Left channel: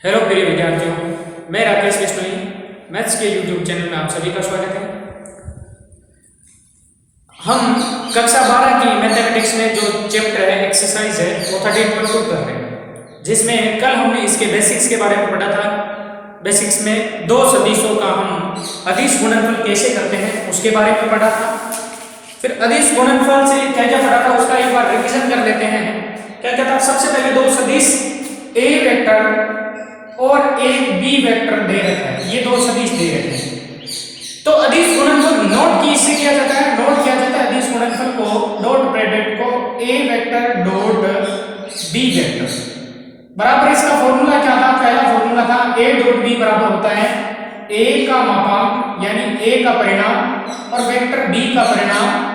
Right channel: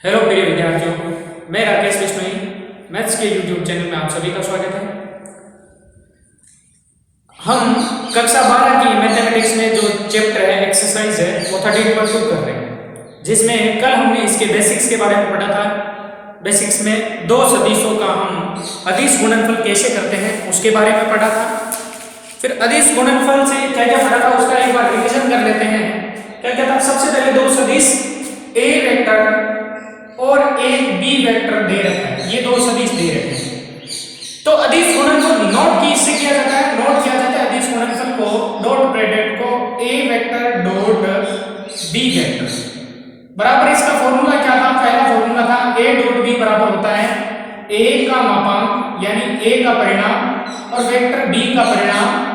Hello प्रिय विद्यार्थियों, मैं राकेश बिश्नोई मैथ्स के यूट्यूब चैनल में आप सभी का स्वागत है। हम कक्षा 12 की मैथमेटिक्स में जो चैप्टर है एक्सरसाइज है वो 13.2 कर रहे हैं, जिसमें कल हमने इसके बेसिक्स के बारे में पढ़ा था। बेसिक्स में दो सदिशों का हम अदिश गुणनफल कैसे करते हैं उसके बारे में पढ़ा था। फिर अदिश गुणनफल से क्या क्या पढ़ा था उसका एक बार रिविजन कर लेते हैं। क्या क्या था? सबसे पहले दो सदिश ए वेक्टर और एक बी वेक्टर दे रखा है, ये दो सदिश दे रखे हैं। तो अदिश गुणनफल नोट की इससे किया जाता है, नोट किया जाता है अदिश गुणनफल को डॉट प्रोडक्ट को ए वेक्टर डॉट बी वेक्टर बराबर। इसका फॉर्मूला क्या था? पहला फॉर्मूला था ए डॉट बी बराबर होता है ए का मापांक यानी ए का परिणाम और वेक्टर बी का परिणाम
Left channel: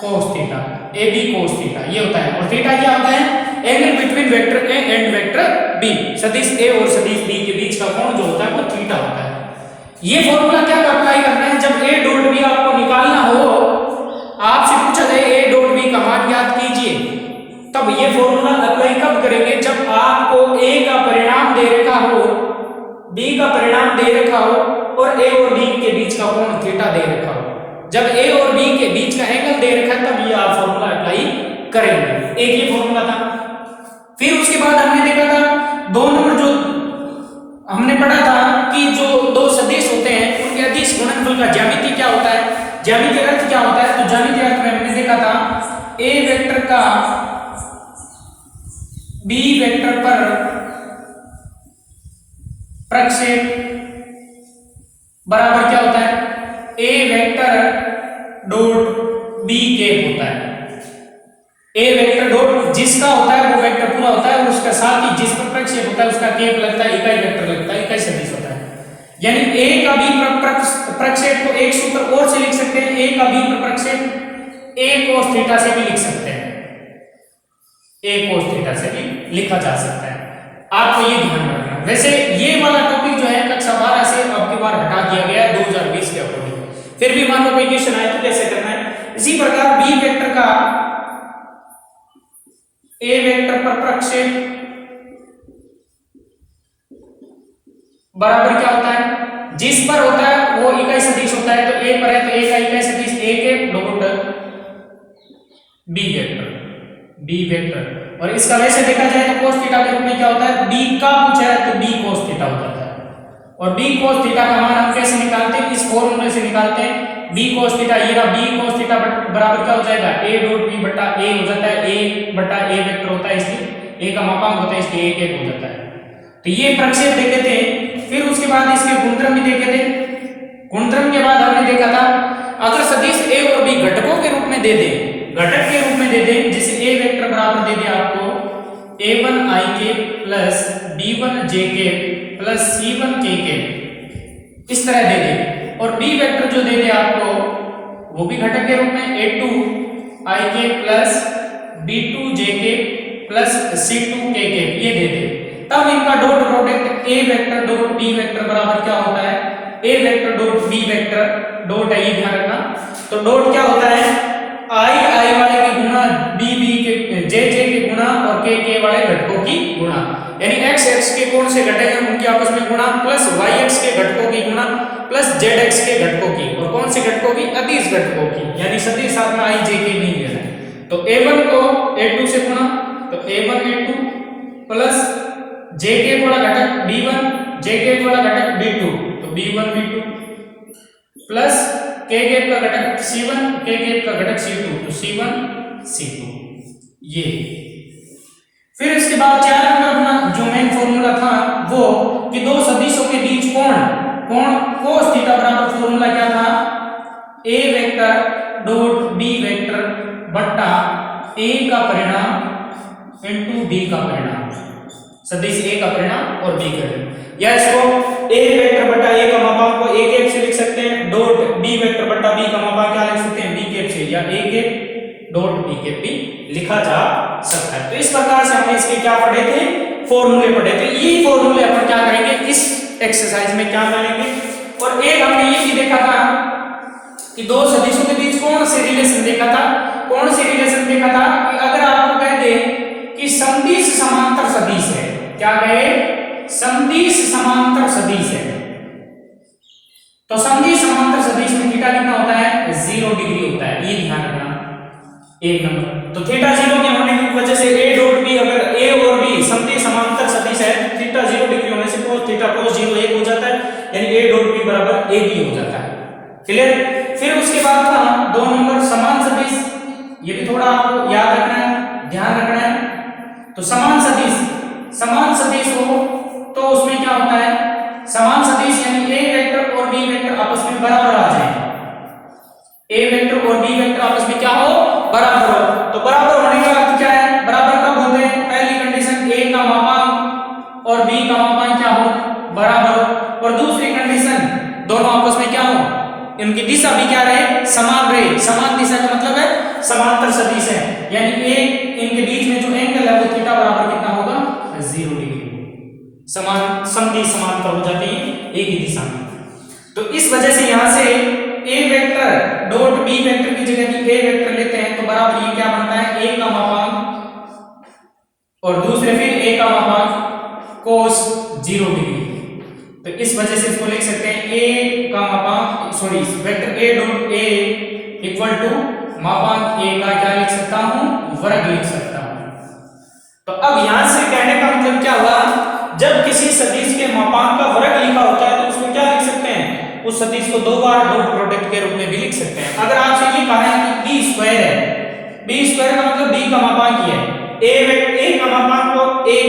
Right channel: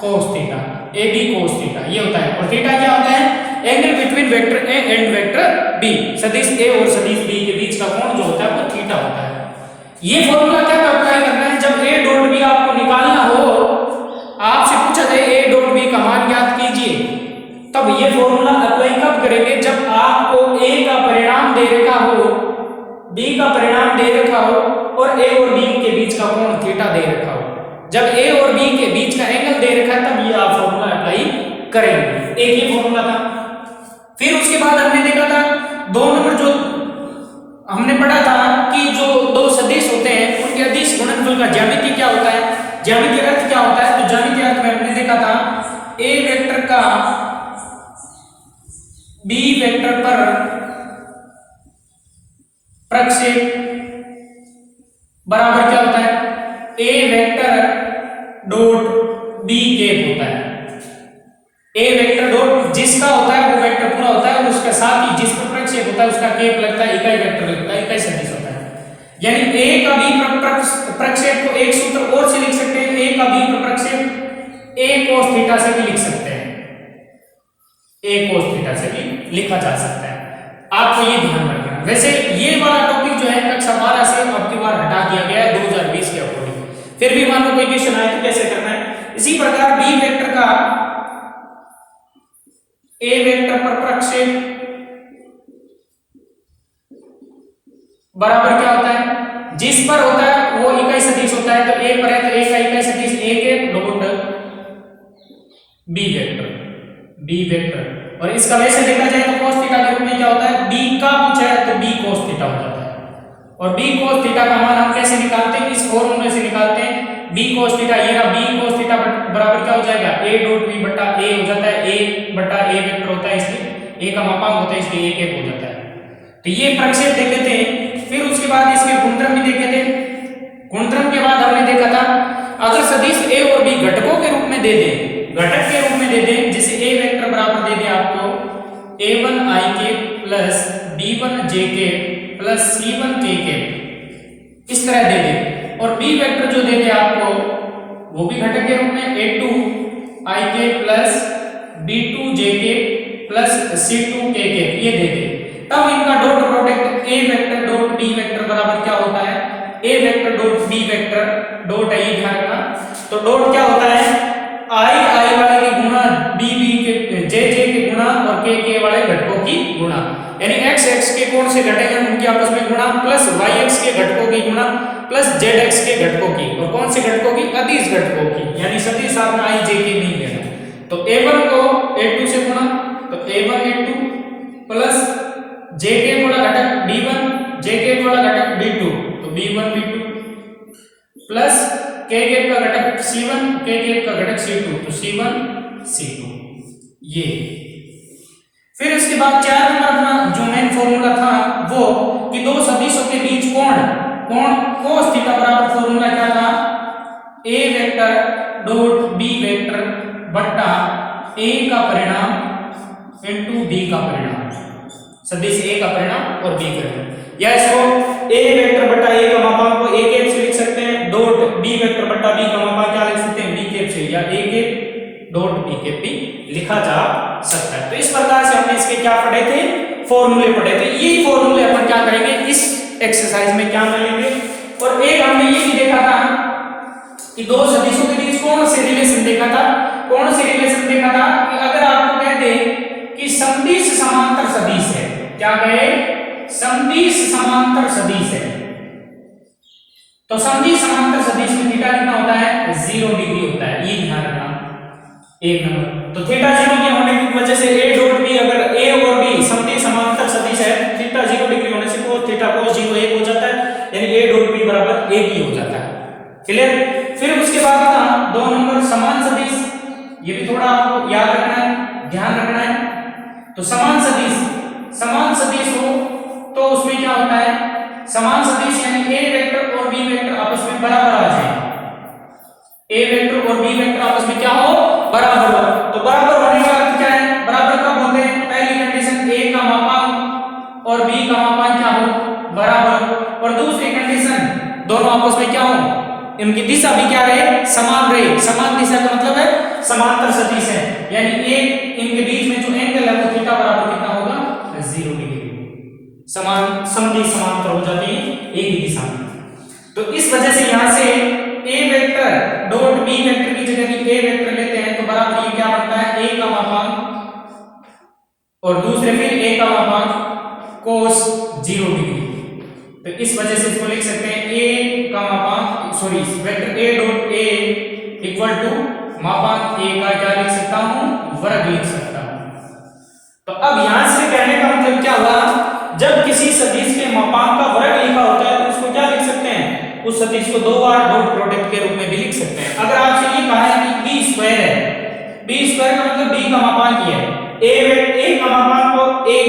cos theta, A B cos theta ये होता है। और थीटा क्या होता है? Angle between vector A and vector B. सदिश ए और सदिश बी के बीच का कोण जो होता है वो थीटा होता है। ये फॉर्मूला क्या अप्लाई करना है? जब ए डॉट बी आपको निकालना हो, आपसे पूछा जाए ए डॉट बी का मान ज्ञात कीजिए, तब ये फॉर्मूला अप्लाई कब करेंगे? जब आपको ए का परिणाम दे रखा हो, बी का परिणाम दे रखा हो और ए और बी के बीच का कोण थीटा दे रखा हो। जब ए और बी के बीच का एंगल दे रखा है तब ये आप फॉर्मूला अप्लाई करेंगे। एक ये फॉर्मूला था। फिर उसके बाद हमने देखा था दो नंबर जो हमने पढ़ा था कि जो दो सदिश होते हैं उनके अदिश गुणनफल का ज्यामिति क्या होता है, ज्यामितीय अर्थ क्या होता है। तो ज्यामितीय अर्थ में हमने देखा था ए वेक्टर का बी वेक्टर पर प्रक्षेप बराबर क्या होता है? ए वेक्टर डॉट बी कैप होता है। ए वेक्टर डॉट जिसका होता है वो वेक्टर पूरा होता है, उसका साथ ही जिस पर प्रक्षेप होता है उसका कैप लगता है, इकाई वेक्टर लगता है, इकाई सदिश होता है। यानी ए का बी पर प्रक्षेप को एक सूत्र और से लिख सकते हैं, ए का बी पर प्रक्षेप ए cos थीटा से भी लिख सकते हैं, ए cos थीटा से भी लिखा जा सकता है। आपको ये ध्यान रखना। वैसे ये वाला टॉपिक जो है कक्षा 12 से अब की बार हटा दिया गया है 2020 के अकॉर्डिंग। फिर भी मान लो कोई क्वेश्चन आए तो कैसे करना है। इसी प्रकार बी वेक्टर का ए वेक्टर पर प्रक्षेप बराबर क्या होता है? जिस पर होता है वो इकाई सदिश होता है। तो ए पर है तो ए का इकाई सदिश ए के dot B vector, B vector. और इसका वैसे देखा जाए तो cos थीटा के रूप में क्या होता है? बी का पूछा है तो बी cos थीटा हो जाता है। और बी cos थीटा का मान हम कैसे निकालते हैं? इस फॉर्मूले से निकालते हैं। बी cos थीटा ये रहा, बी cos थीटा बराबर क्या हो जाएगा? ए डॉट बी बटा ए हो जाता है, ए बटा ए वेक्टर होता है इसलिए ए का मापांक होता है इसलिए ए हो जाता है। तो ये प्रक्षेप देखे थे। फिर उसके बाद इसके गुणधर्म भी देखे थे। गुणधर्म के बाद हमने देखा था अगर सदिश ए और बी घटकों के रूप में दे दे, घटक के रूप में दे दे, जैसे ए वेक्टर बराबर दे दे आपको a1 i के प्लस b1 j के प्लस c1 k के, इस तरह दे दे। और b वेक्टर जो दे दे आपको वो भी घटक के रूप में a2 i के प्लस b2 j के प्लस c2 k के ये दे दे। तब इनका dot product a vector dot b vector बराबर क्या होता है? a vector dot b vector dot है, ये ध्यान रखना। तो डॉट क्या होता है? i वाले की गुणा b के j के गुणा और k वाले घटकों की गुणा, यानी x के कोण से घटे हैं उनकी आपस में गुणा प्लस y के घटकों की गुणा प्लस z के घटकों की। और कौन से घटकों की? अदिश घटकों की, यानी सदिश साथ में i j के नहीं लेना है। तो a1 को a2 से गुणा तो a1 a2 प्लस j के वाला घटक b1 j के वाला घटक b2 तो b1 b2 प्लस k के का घटक c1 k के का घटक c2 तो c1 c2 ये। फिर इसके बाद 4 नंबर अपना जो मेन फॉर्मूला था वो कि दो सदिशों के बीच कोण cos थीटा बराबर फॉर्मूला क्या था? a vector dot b vector बटा a का परिणाम इनटू b का परिणाम, सदिश a का परिणाम और b का परिणाम। या इसको a वेक्टर बटा a का मापांक को a कैप से लिख सकते हैं, डॉट b वेक्टर बटा b का मापांक क्या लिख सकते हैं? b कैप से, या a cap dot b cap भी लिखा जा सकता है। तो इस प्रकार से हमने इसके क्या पढ़े थे? फॉर्मूले पढ़े थे। यही फॉर्मूले अपन क्या करेंगे इस एक्सरसाइज में क्या मिलेंगे। और एक हमने ये भी देखा था कि दो सदिशों के बीच कौन से रिलेशन देखा था, कौन से रिलेशन देखा था कि अगर आपको कह दे कि सदिश समांतर सदिश है, क्या कहे? समदिश समांतर सदिश है, तो समदिश समांतर सदिश में थीटा कितना होता है 0 डिग्री होता है, ये ध्यान रखना। एक नंबर तो थीटा 0 के होने की वजह से a डॉट b, अगर a और b समदिश समांतर सदिश है, थीटा 0 डिग्री होने से cos थीटा cos 0 1 हो जाता है, यानी a डॉट b बराबर ab हो जाता है। क्लियर। फिर उसके बाद था 2 नंबर समान सदिश, ये भी थोड़ा आपको याद रखना है, ध्यान रखना है। तो समान सदिश हो तो उसमें क्या होता है, समान सदिश यानी a वेक्टर और b वेक्टर आपस में बराबर आ जाए, a वेक्टर और b वेक्टर आपस में क्या हो बराबर हो। तो बराबर होने का अर्थ क्या है, बराबर कब होते हैं, पहली कंडीशन a का मापांक और b का मापांक क्या हो बराबर हो, और दूसरी कंडीशन दोनों आपस में क्या हो, इनकी दिशा भी क्या रहे समान रहे। समान दिशा का मतलब है समांतर सदिश है, यानी एक इनके बीच में जो एंगल है वो थीटा बराबर कितना होगा 0 डिग्री, समान समदिश समांतर हो जाती है एक ही दिशा में। तो इस वजह से यहां से a vector dot b vector की जगह भी a वेक्टर लेते हैं, तो बराबर ये क्या बनता है a का मापांक और दूसरे फिर a का मापांक cos 0 डिग्री। तो इस वजह से इसको लिख सकते हैं a का मापांक sorry vector a dot a equal to मापांक a का क्या लिख सकता हूं वर्ग लिख सकता हूं। तो अब यहां से कहने का मतलब क्या हुआ, जब किसी सदिश के मापांक का वर्ग लिखा होता है तो उसको क्या लिख सकते हैं, उस सदिश को दो बार डॉट प्रोडक्ट के रूप में भी लिख सकते हैं। अगर आपसे ये कहा है कि b स्क्वायर है, b स्क्वायर का मतलब b का मापांक ही है, a का मापांक को एक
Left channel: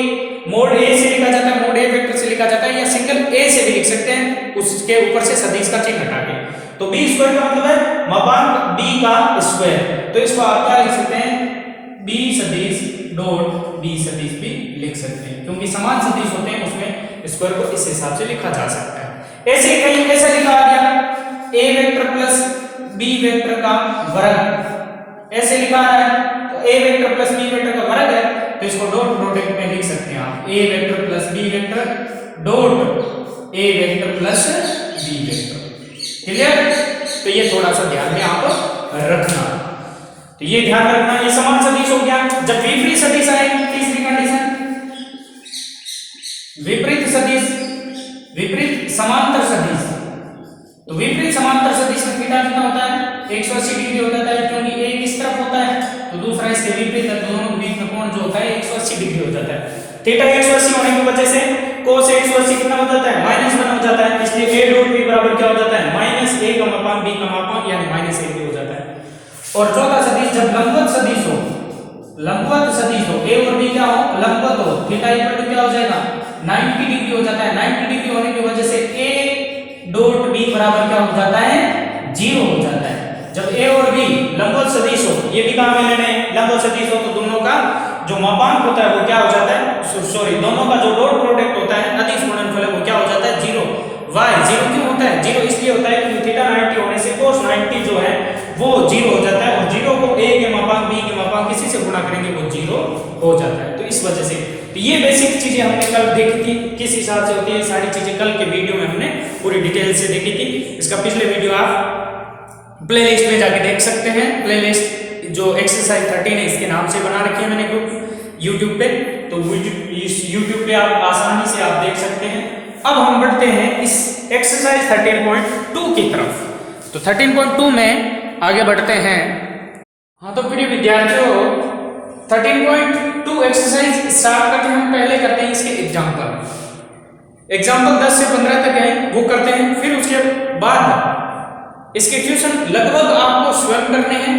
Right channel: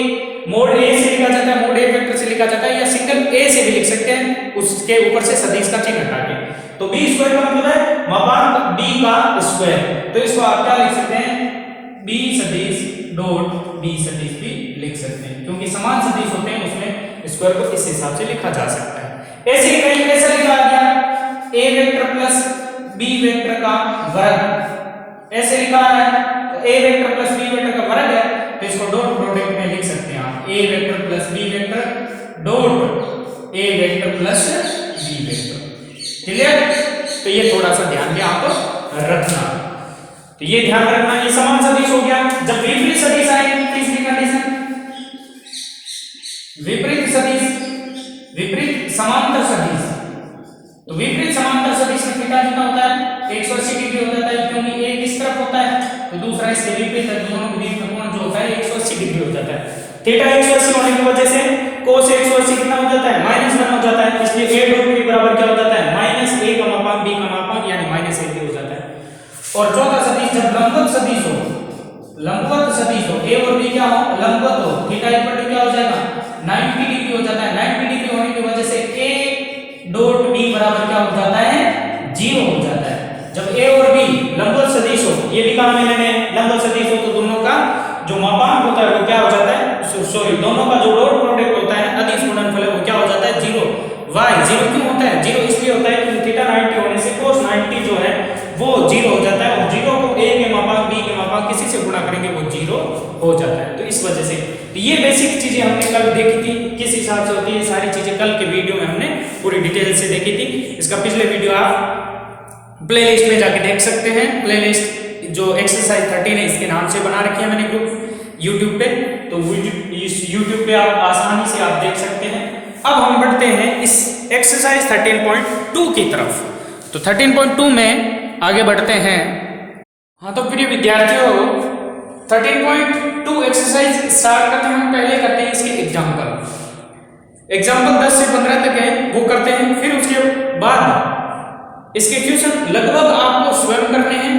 मोड a से लिखा जाता है, मोड a वेक्टर से लिखा जाता है, या सिंगल a से भी लिख सकते हैं उसके ऊपर से सदिश का चिन्ह हटा के। तो b स्क्वायर का मतलब है मापांक b का स्क्वायर, तो इसको आप क्या लिख सकते हैं b सदिश डॉट b सदिश भी लिख सकते हैं, क्योंकि समान सदिश होते हैं उसमें स्क्वायर को इस हिसाब से लिखा जा सकता है। ऐसे ही कहीं कैसा लिखा गया a vector plus b vector का वर्ग, ऐसे लिखा है तो a vector plus b vector का वर्ग है, तो इसको डॉट प्रोडक्ट में लिख सकते हैं आप a vector plus b vector dot a vector plus b vector. Clear. तो ये थोड़ा सा ध्यान में आप रखना, तो ये ध्यान रखना ये समान सदिश हो गया। जब विपरीत सदिश आएगी तीसरी कंडीशन विपरीत सदिश, विपरीत समांतर सदिश, तो विपरीत समांतर सदिश में थीटा कितना होता है 180 डिग्री हो जाता है, क्योंकि एक इस तरफ होता है तो दूसरा इसके विपरीत है, दोनों के बीच में कोण जो होता है 180 डिग्री हो जाता है। थीटा 180 होने की वजह से cos 180 कितना हो जाता है -1 हो जाता है, इसलिए a डॉट b बराबर क्या हो जाता है -a का मापांक b का मापांक यानी -a हो जाता है। और चौथा सदिश जब लंबवत सदिश हो, लंबवत सदिश हो a और b क्या हो लंबवत हो, थीटा इक्वल टू क्या हो जाएगा 90 डिग्री हो जाता है। 90 डिग्री होने की वजह से a डॉट b बराबर क्या हो जाता है 0 हो जाता है। जब a और b लंबवत सदिश हो, ये भी कहा मैंने लंबवत सदिश हो तो दोनों का जो मापांक होता है वो क्या हो जाता है सॉरी दोनों का जो डॉट प्रोडक्ट होता है अदिश गुणनफल है वो क्या हो जाता है 0। वाई 0 क्यों होता है 0 इसलिए होता है क्योंकि थीटा 90 होने से cos 90 जो है वो 0 हो जाता है, और 0 को a के मापांक b के मापांक किसी से गुणा करेंगे वो 0 हो जाता है। तो इस वजह से तो ये बेसिक चीजें हमने कल देखी थी, किस हिसाब से होती है सारी चीजें कल के वीडियो में हमने पूरी डिटेल से देखी थी। इसका पिछले वीडियो आप प्लेलिस्ट में जाके देख सकते हैं, प्लेलिस्ट जो एक्सरसाइज 13 है इसके नाम से बना रखे हैं मैंने ग्रुप यूट्यूब पे, तो इस यूट्यूब पे आप आसानी से आप देख सकते हैं। अब हम बढ़ते हैं इस एक्सरसाइज 13.2 की तरफ, तो 13.2 में आगे बढ़ते हैं। हाँ तो प्रिय विद्यार्थियों 13.2 एक्सरसाइज स्टार्ट करते हैं, हम पहले करते हैं इसके एग्जाम्पल 10 से 15 तक है वो करते हैं, फिर उसके बाद इसके क्वेश्चन लगभग आपको स्वयं करने हैं,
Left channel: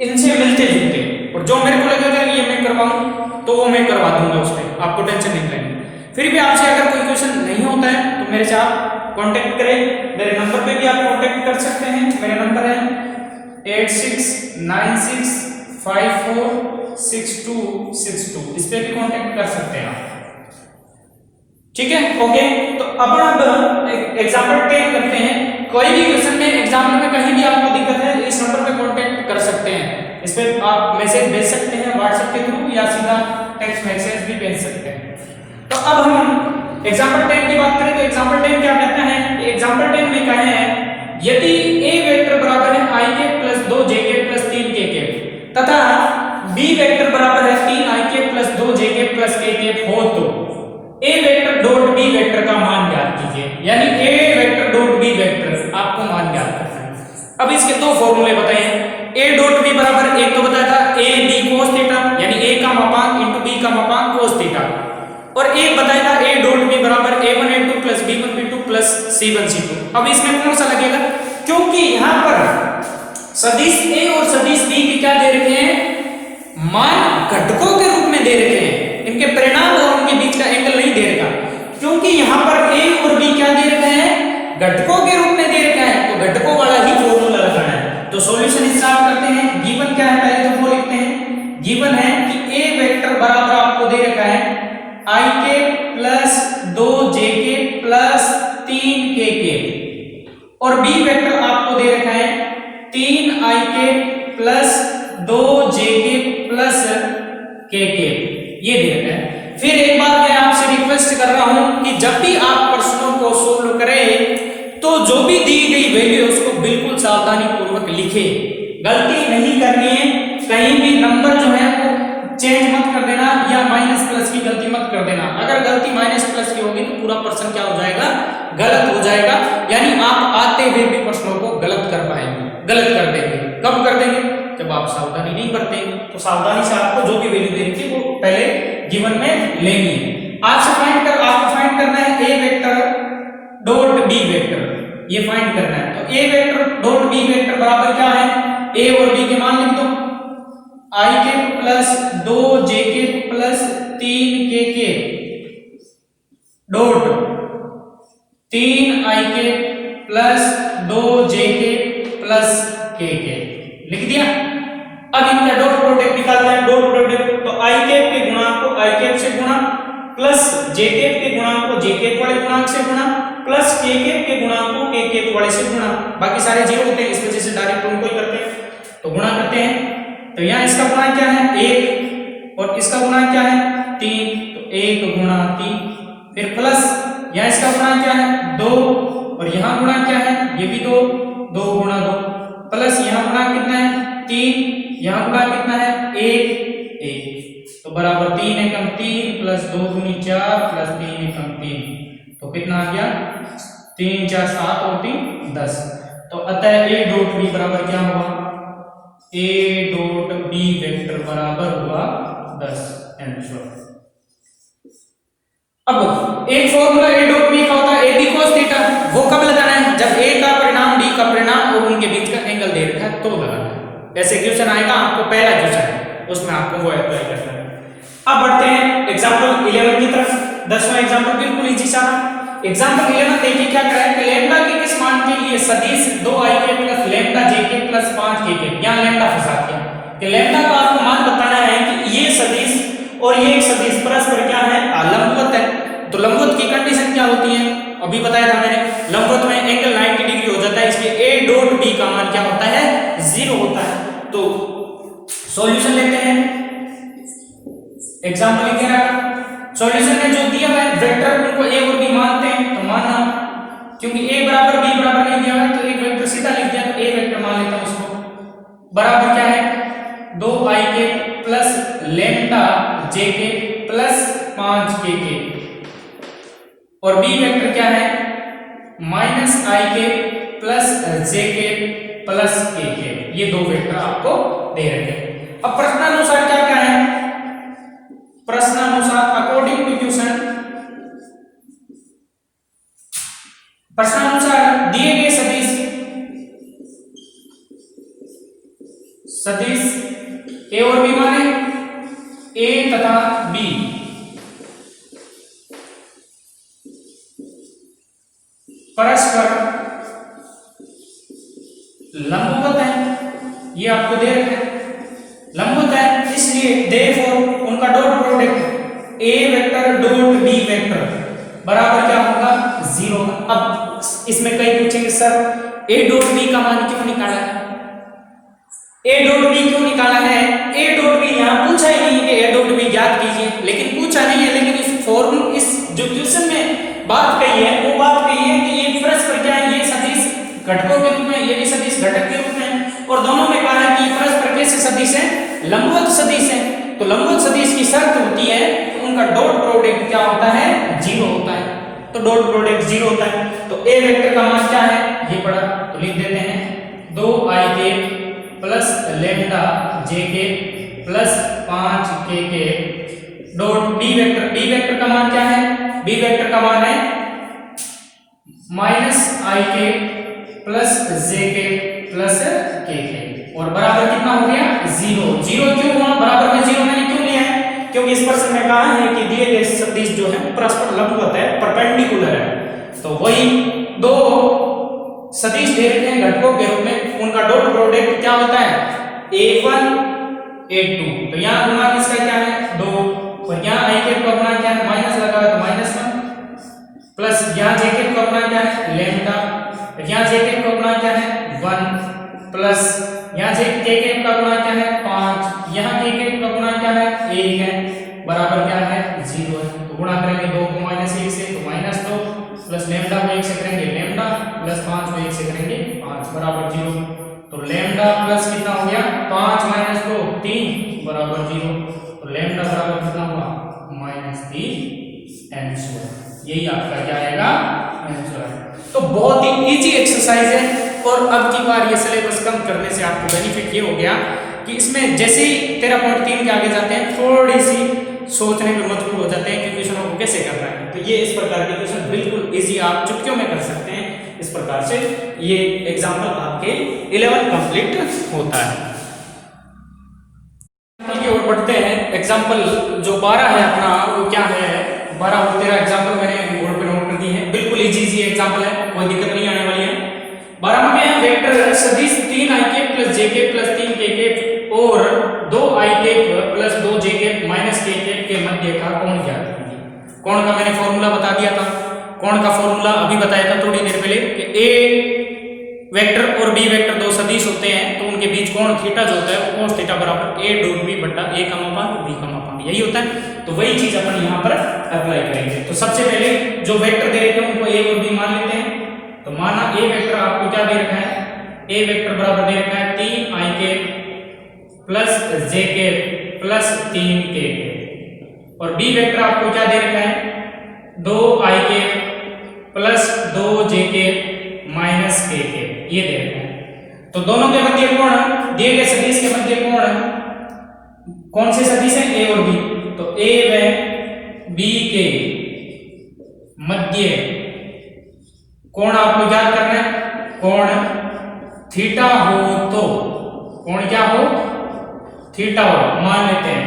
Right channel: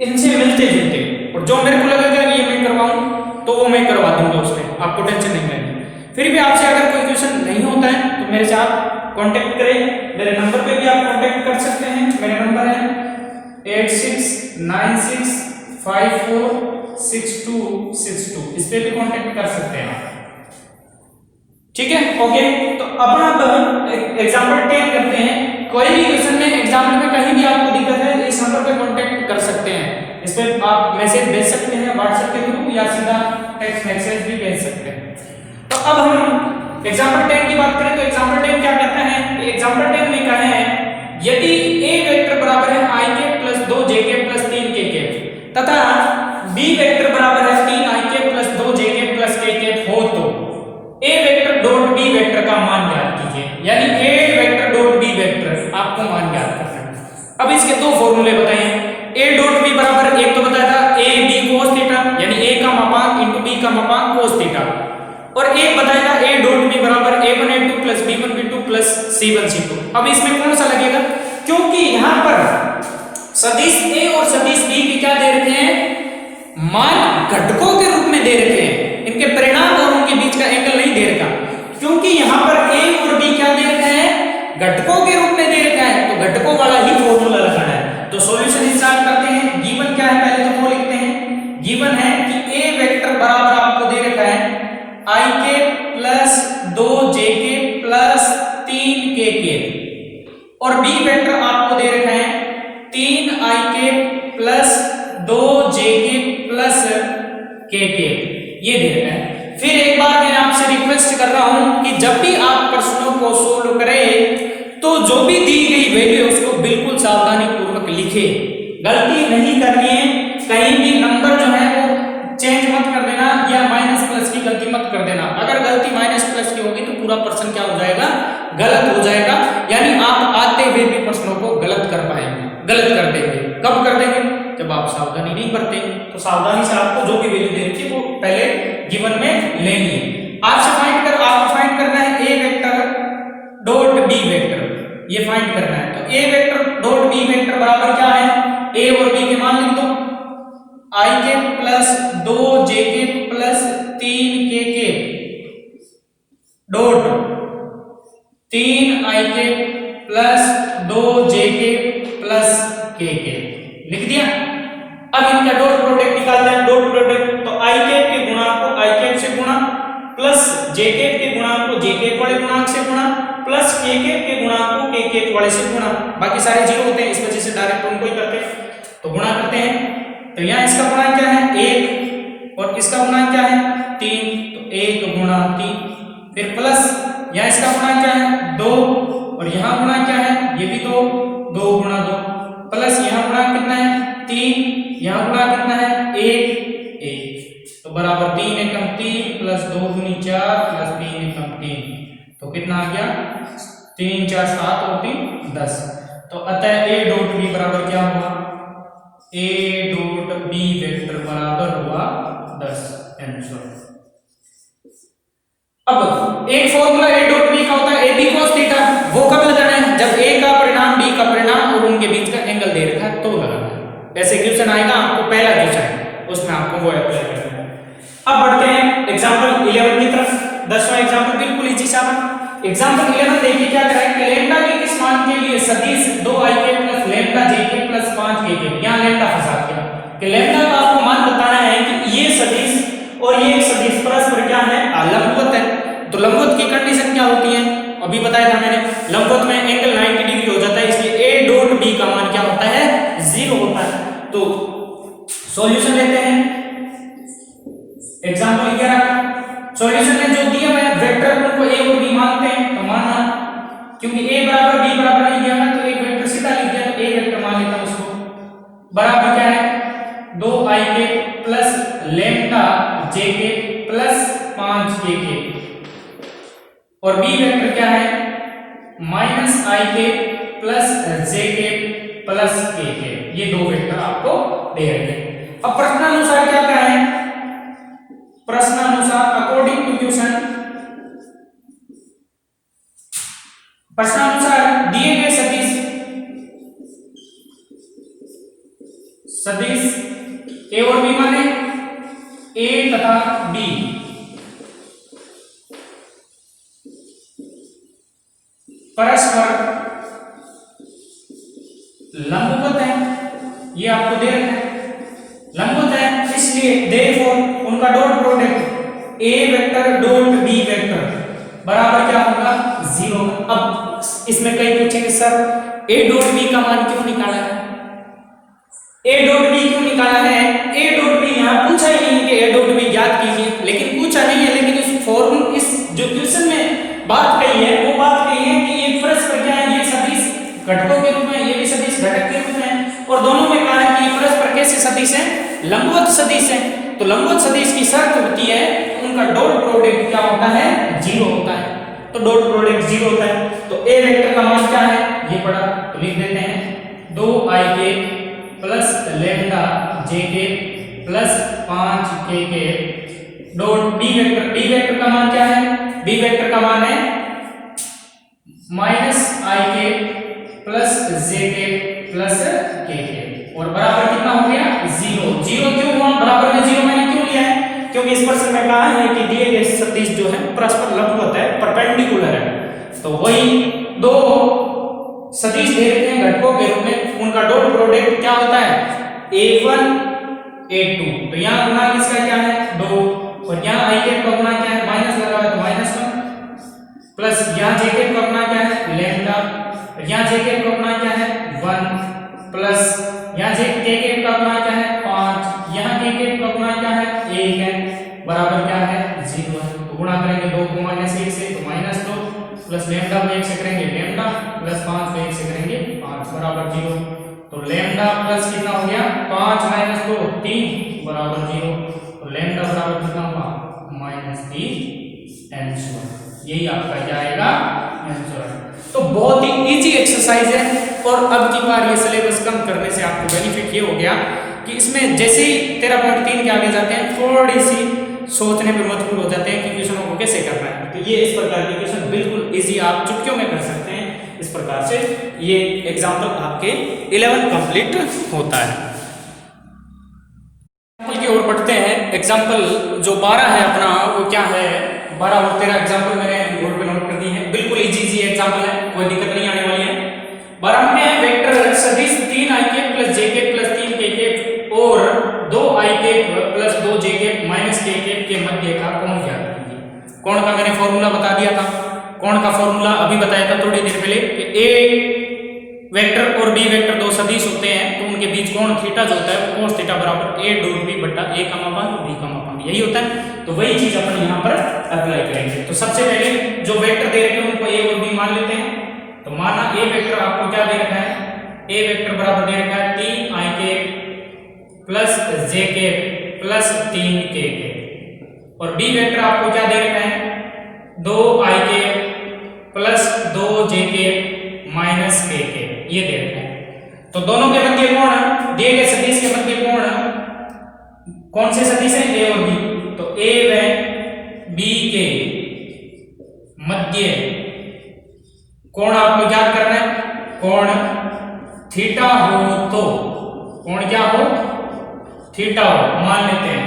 इनसे मिलते जुलते, और जो मेरे को लगेगा ये मैं करवाऊं तो वो मैं करवा दूंगा, उसमें आपको टेंशन नहीं लेनी। फिर भी आपसे अगर कोई क्वेश्चन नहीं होता है तो मेरे से आप कांटेक्ट करें, मेरे नंबर पे भी आप कांटेक्ट कर सकते हैं। मेरा नंबर है 8696546262, इस पे भी कांटेक्ट कर सकते हैं आप, ठीक है। ओके, तो अब एग्जाम्पल 10 करते हैं। कोई भी क्वेश्चन में एग्जाम्पल में कहीं भी आपको दिक्कत है इस नंबर पे कांटेक्ट कर सकते हैं, इस पे आप मैसेज भेज सकते हैं व्हाट्सएप के थ्रू या सीधा टेक्स्ट मैसेज भी भेज सकते हैं। तो अब हम एग्जाम्पल 10 की बात करें तो एग्जाम्पल 10 क्या कहता है, एग्जाम्पल 10 में कहे हैं यदि a वेक्टर बराबर है i के प्लस 2j के प्लस 3k के तथा b वेक्टर बराबर है 3i के प्लस 2j के प्लस k के हो तो चाहिए, यानी ए वेक्टर डॉट बी वेक्टर आपको मान ज्ञात करना है। अब इसके दो फॉर्मूले बताए हैं। ए डॉट बी बराबर एक तो बताया था ए बी कोस थीटा, यानी ए का मापांक इंटू बी का मापांक कोस थीटा, और एक बताया था ए डॉट बी बराबर a1 a2 plus b1 b2 plus c1 c2। अब इसमें कौन सा लगेगा, क्योंकि यहां पर सदिश ए और सदिश बी के क्या दे रखे हैं, मान घटकों के रूप में दे रखे हैं, इनके परिणाम और उनके बीच का एंगल नहीं दे रखा, क्योंकि यहां पर ए और बी क्या दे रखे हैं, घटकों के रूप में दे रखा है, तो घटकों वाला ही फॉर्मूला रखना है। तो सॉल्यूशन स्टार्ट करते हैं। गिवन क्या है, पहले तो वो लिखते हैं। गिवन है कि ए वेक्टर बराबर आपको दे रखा है i के प्लस 2j के प्लस 3k के, और बी वेक्टर आपको दे रखा है 3i के प्लस 2j के प्लस k के, ये दे रखा है। फिर एक बार मैं आपसे रिक्वेस्ट कर रहा हूं कि जब भी आप प्रश्नों को सोल्व करें तो जो भी दी गई वैल्यू है उसको बिल्कुल सावधानी पूर्वक लिखे, गलती नहीं करनी है, कहीं भी नंबर जो है वो चेंज मत कर देना या माइनस प्लस की गलती मत कर देना। अगर गलती माइनस प्लस की होगी तो पूरा प्रश्न क्या हो जाएगा, गलत हो जाएगा, यानी आप आते हुए भी प्रश्नों को गलत कर पाएंगे, गलत कर देंगे। कब कर देंगे, जब आप सावधानी नहीं बरते। तो सावधानी से आपको जो भी वैल्यू दे रखी है वो पहले गिवन में लेनी है। आपको फाइंड करना है ए वेक्टर डॉट बी वेक्टर, ये फाइंड करना है। तो ए वेक्टर डॉट बी वेक्टर बराबर क्या है, ए और बी के मान लिख दो, i के प्लस 2j के प्लस 3k के डॉट 3i के प्लस 2j के प्लस k के, लिख दिया। अब इनका डॉट प्रोडक्ट निकालते हैं। डॉट प्रोडक्ट तो i कैप के गुणांक को i कैप से गुणा, प्लस j कैप के गुणांक को j कैप वाले गुणांक से गुणा, प्लस k कैप के गुणांक को k कैप वाले से गुणा। बाकी सारे जीरो होते हैं, इस वजह से डायरेक्ट उनको ही करते हैं, तो गुणा करते हैं। तो यहाँ इसका गुणा क्या है 1 और इसका गुणा क्या है 3, तो 1 गुणा 3, फिर प्लस यहाँ इसका गुणा क्या है 2 और यहाँ गुणा क्या है ये भी 2, 2 गुणा 2, प्लस यहाँ गुणा कितना है 3, यहाँ गुणा कितना है 1 1, तो बराबर 3 एकम 3 प्लस 2 दूनी 4 प्लस 3 एकम 3, तो कितना आ गया 3 4 7 और 3 10। तो अतः ए डॉट बी बराबर क्या हुआ, ए डॉट बी वेक्टर बराबर हुआ 10। आंसर। अब एक फॉर्मूला ए डॉट बी का होता है ए बी cos थीटा, वो कब लगाना है, जब ए का परिणाम बी का परिणाम और उनके बीच का एंगल दे रखा है तो लगाना है। ऐसे क्वेश्चन आएगा आपको, पहला क्वेश्चन उसमें आपको वो अप्लाई करना है। अब बढ़ते हैं एग्जांपल 11 की तरफ। 10वां एग्जांपल बिल्कुल इजी सा। एग्जांपल 11 देखिए क्या करा है कि लैम्डा के किस मान के लिए सदिश 2i के प्लस लैम्डा j के प्लस 5k के, यहां लैम्डा फंसा दिया कि लैम्डा का आपको मान बताना है कि ये सदिश और ये एक सदिश परस्पर क्या है, लंबवत है। तो लंबवत की कंडीशन क्या होती है, अभी बताया था मैंने, लंबवत में एंगल 90 डिग्री हो जाता है, इसलिए a डॉट b का मान क्या होता है 0 होता है। तो सॉल्यूशन लेते हैं। एग्जांपल 11 सॉल्यूशन में जो दिया है वेक्टर उनको a और b मानते हैं, तो माना क्योंकि a बराबर b बराबर नहीं दिया है तो एक वेक्टर सीधा लिख दिया, तो a वेक्टर मान लेता हूं उसको, बराबर क्या है 2i के प्लस लैम्डा j के प्लस 5k के, और b वेक्टर क्या है माइनस i के प्लस j के प्लस k के। ये दो वेक्टर आपको दे रखे हैं। अब प्रश्नानुसार क्या क्या है, प्रश्नानुसार अकॉर्डिंग टू क्वेश्चन, प्रश्नानुसार दिए गए सदिश ए और बी माने ए तथा बी परस्पर लंबवत है, ये आपको दे रखा है लंबवत है, इसलिए देयरफॉर उनका dot product A vector dot B vector बराबर क्या होगा 0। अब इसमें कई पूछेंगे सर ए डॉट बी का मान क्यों निकाला है, ए डॉट बी क्यों निकाला है, ए डॉट बी यहाँ पूछा ही नहीं कि ए डॉट बी ज्ञात कीजिए, लेकिन पूछा नहीं है, लेकिन इस फॉर्म इस जो क्वेश्चन में बात कही है वो बात कही है कि ये परस्पर क्या है, ये सदिश घटकों के रूप में, ये भी सदिश घटक के रूप में, और दोनों में कहा है कि परस्पर कैसे सदिश है, लंबवत सदिश है। तो लंबवत सदिश की शर्त होती है उनका डॉट प्रोडक्ट क्या होता है 0 होता है। तो डॉट प्रोडक्ट 0 होता है। तो ए वेक्टर का मान क्या है ये पड़ा, तो लिख देते हैं 2i प्लस लेमडा जे के प्लस 5k के dot B vector. B vector का मान क्या है, बी वेक्टर का मान है -ik plus jk plus kk और बराबर कितना हो गया 0। 0 क्यों हुआ, बराबर में 0 मैंने क्यों लिया है, क्योंकि इस प्रश्न में कहा है कि दिए गए सदिश जो है परस्पर लंबवत है, परपेंडिकुलर है। तो वही दो सदिश दे रखे हैं घटकों के रूप में, उनका डॉट प्रोडक्ट क्या होता है a1 a2। तो यहाँ गुणा किसका क्या है 2 और यहाँ i का गुणा क्या है माइनस लगा हुआ है तो -1 प्लस यहाँ j का गुणा क्या है लैम्डा, यहाँ j का गुणा क्या है 1 प्लस यहाँ k का गुणा क्या है 5, यहाँ k का गुणा क्या है 1 है, बराबर क्या है 0 है। तो गुणा करेंगे 2 को -1 से तो -2 प्लस लैम्डा को 1 से करेंगे लैम्डा प्लस 5 को 1 से करेंगे 5 बराबर 0। तो लैम्डा प्लस कितना हो गया 5 - 2 3 बराबर 0। तो लैम्डा बराबर कितना हुआ -3 आंसर, यही आपका क्या आएगा आंसर है। तो बहुत ही इजी एक्सरसाइज है और अब की बार ये सिलेबस कम करने से आपको बेनिफिट ये हो गया कि इसमें जैसे ही 13.3 के आगे जाते हैं थोड़ी सी सोचने में मजबूर हो जाते हैं कि क्वेश्चनों को कैसे करना है। तो ये इस प्रकार के क्वेश्चन बिल्कुल इजी आप चुटकियों में कर सकते हैं। इस प्रकार से ये एग्जाम्पल आपके 11 कंप्लीट होता है। की ओर बढ़ते हैं। एग्जाम्पल जो 12 है अपना वो क्या है 12 और 13 एग्जाम्पल मैंने बोर्ड पे नोट कर दी है, बिल्कुल इजी एग्जाम्पल है, कोई दिक्कत नहीं आने वाली है। 12 में वेक्टर सदिश 3ik plus jk plus 3kk और 2ik plus 2jk minus kk के मध्य का कोण ज्ञात कीजिए। कोण का मैंने फॉर्मूला बता दिया था, कोण का फॉर्मूला अभी बताया था थोड़ी देर पहले कि a वेक्टर और b वेक्टर दो सदिश होते हैं तो उनके बीच कोण थीटा जो होता है वो cos थीटा बराबर a डॉट b बटा a का मापांक b का मापांक, यही होता है। तो वही चीज अपन यहाँ पर अप्लाई करेंगे। तो सबसे पहले जो वेक्टर दे रखे हैं उनको a और b मान लेते हैं। तो माना a वेक्टर आपको क्या दे रखा है, a वेक्टर बराबर दे रखा है 3ik plus jk plus 3kk और b वेक्टर आपको क्या दे रखा है 2ik plus 2jk minus kk, ये दे रखा है। तो दोनों के मध्य कोण दिए गए सदिश के मध्य कोण कौन से सदिश हैं a और b, तो a व b के मध्य कोण आपको ज्ञात करना है। कोण थीटा हो तो कोण क्या हो थीटा हो मान लेते हैं,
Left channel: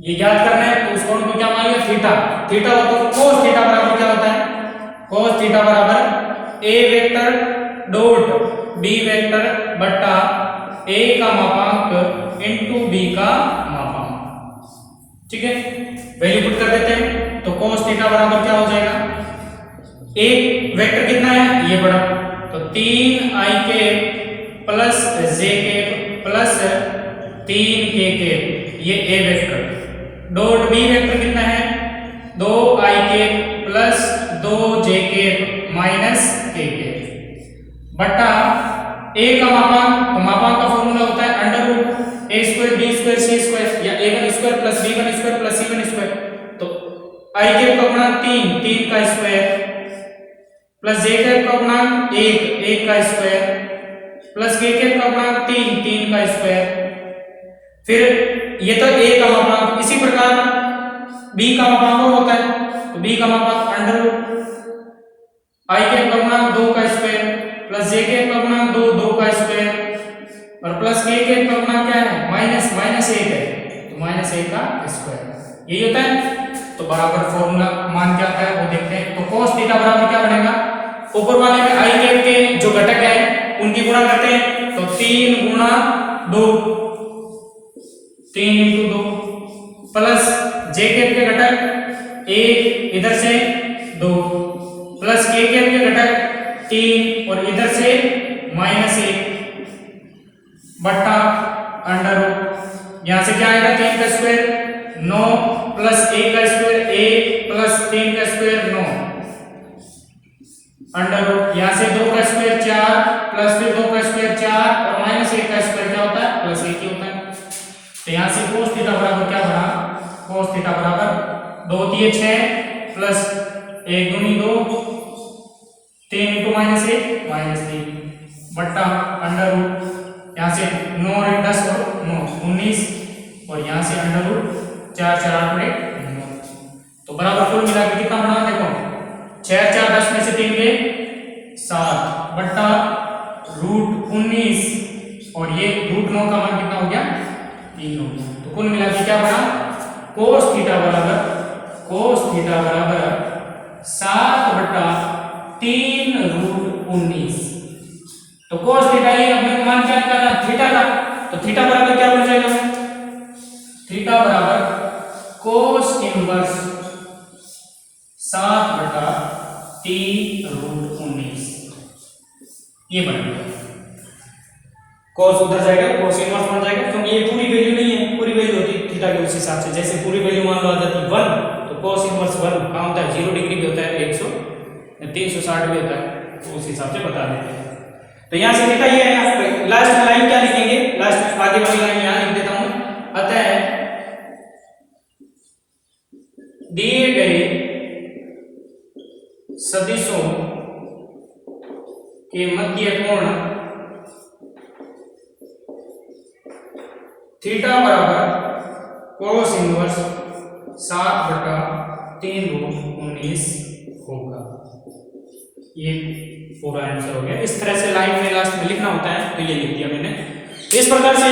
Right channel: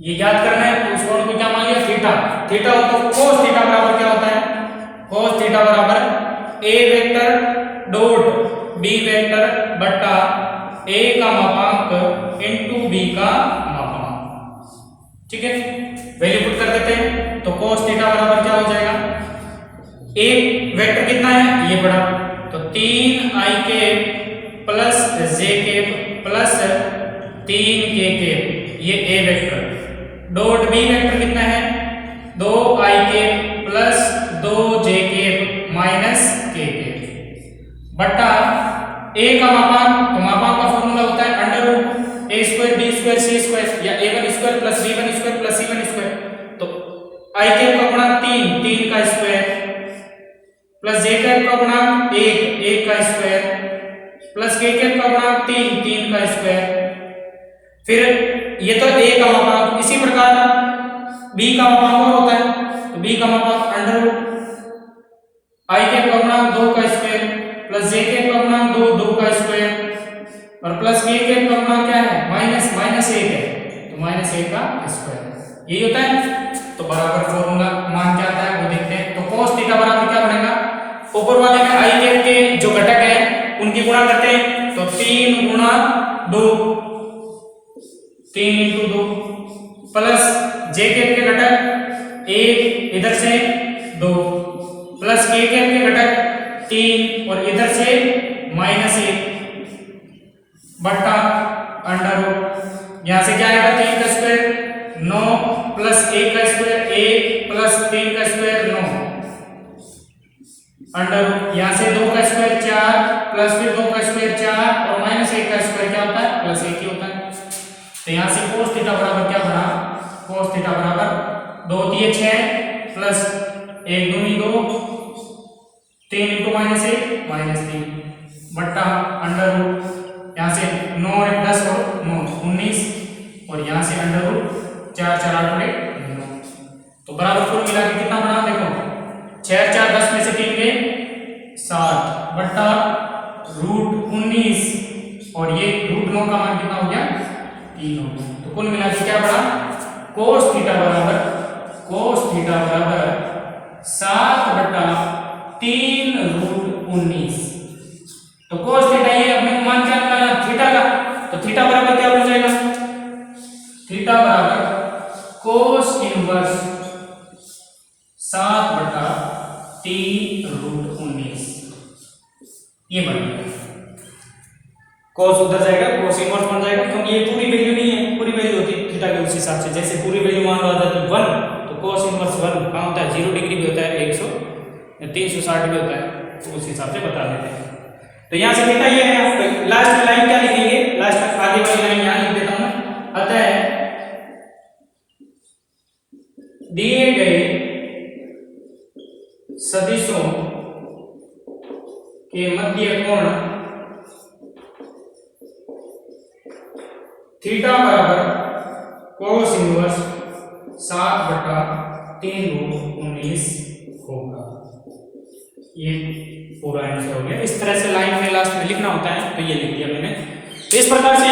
ये ज्ञात करना है तो उस कोण को क्या मान लिया थीटा। थीटा हो तो cos थीटा बराबर क्या होता है cos थीटा बराबर a vector dot b vector बटा a का मापांक इनटू b का मापांक, ठीक है। वैल्यू पुट कर देते हैं तो cos थीटा बराबर क्या हो जाएगा, एक वेक्टर कितना है ये बड़ा तो 3ik plus jk plus 3kk ये a vector dot b vector कितना है 2ik plus 2jk minus kk बटा a का मापांक, तो मापांक का फॉर्मूला होता है under root a square b square c square या a1 square plus b1 square plus c1 square. तो ik का गुणा 3 का स्क्वायर प्लस jk का गुणा 1 का स्क्वायर प्लस kk का गुणा 3 का स्क्वायर। फिर ये तो a का मापांक, इसी प्रकार b का मापांक और होता है तो b का मापांक अंडर रूट ik का गुणा 2 का स्क्वायर प्लस jk का गुणा 2 का स्क्वायर और प्लस kk का गुणा क्या है माइनस 1 है तो माइनस 1 का स्क्वायर, यही होता है। तो बराबर फॉर्मूला मान क्या आता है वो देखते हैं। तो cos थीटा बराबर क्या बनेगा, ऊपर वाले में i के जो घटक है उनकी गुणा करते हैं तो 3 गुणा 2 3 इंटू 2 प्लस jk के घटक 1 इधर से 2 प्लस kk के घटक 3 और इधर से -1 बट्टा अंडर रूट, यहां से क्या आएगा 3 का स्क्वायर 9 प्लस 1 का स्क्वायर 1 प्लस 3 का स्क्वायर 9 अंडर रूट, यहां से 2 का स्क्वायर 4 प्लस फिर 2 का स्क्वायर 4 और -1 का स्क्वायर क्या होता है प्लस 1 ही होता है। तो यहां से cos थीटा बराबर क्या बना cos थीटा बराबर 2 × 6 प्लस 1 दूनी 2, 3 इंटू -1 -3 बट्टा अंडर रूट, यहाँ से 9 और 10 और 9 19, और यहाँ से अंडर रूट 4 4 8 9, तो बराबर कुल मिला के कितना बना देखो 6 4 10 में से 3 गए 7 बट्टा रूट 19, और ये रूट 9 का मान कितना हो गया 3 हो गया। तो कुल मिला के क्या बना कोस थीटा बराबर 7/3 रूट 19। तो कोस थीटा ये अपने मान क्या निकालना थीटा का, तो थीटा बराबर क्या बन जाएगा थीटा बराबर कोस इनवर्स 7/3 रूट 19 ये बन गया। कोस उधर जाएगा कोस इनवर्स बन जाएगा, क्योंकि ये पूरी वैल्यू नहीं है, पूरी वैल्यू होती है थीटा के उस हिसाब से। जैसे पूरी वैल्यू मान लो अगर 1 तो कोस इनवर्स 1 कहाँ होता है 0 डिग्री भी होता है, 360 भी होता है, तो उस हिसाब से बता देते हैं। तो यहाँ से बेटा ये है लास्ट लाइन क्या लिखेंगे, लास्ट आगे वाली लाइन यहाँ लिख देता हूँ। अतः दिए गए सदिशों के मध्य कोण थीटा बराबर कोस इनवर्स 7/3 रूट 19 होगा। ये पूरा आंसर हो गया। इस तरह से लाइन में लास्ट में लिखना होता है, तो ये लिख दिया मैंने। इस प्रकार से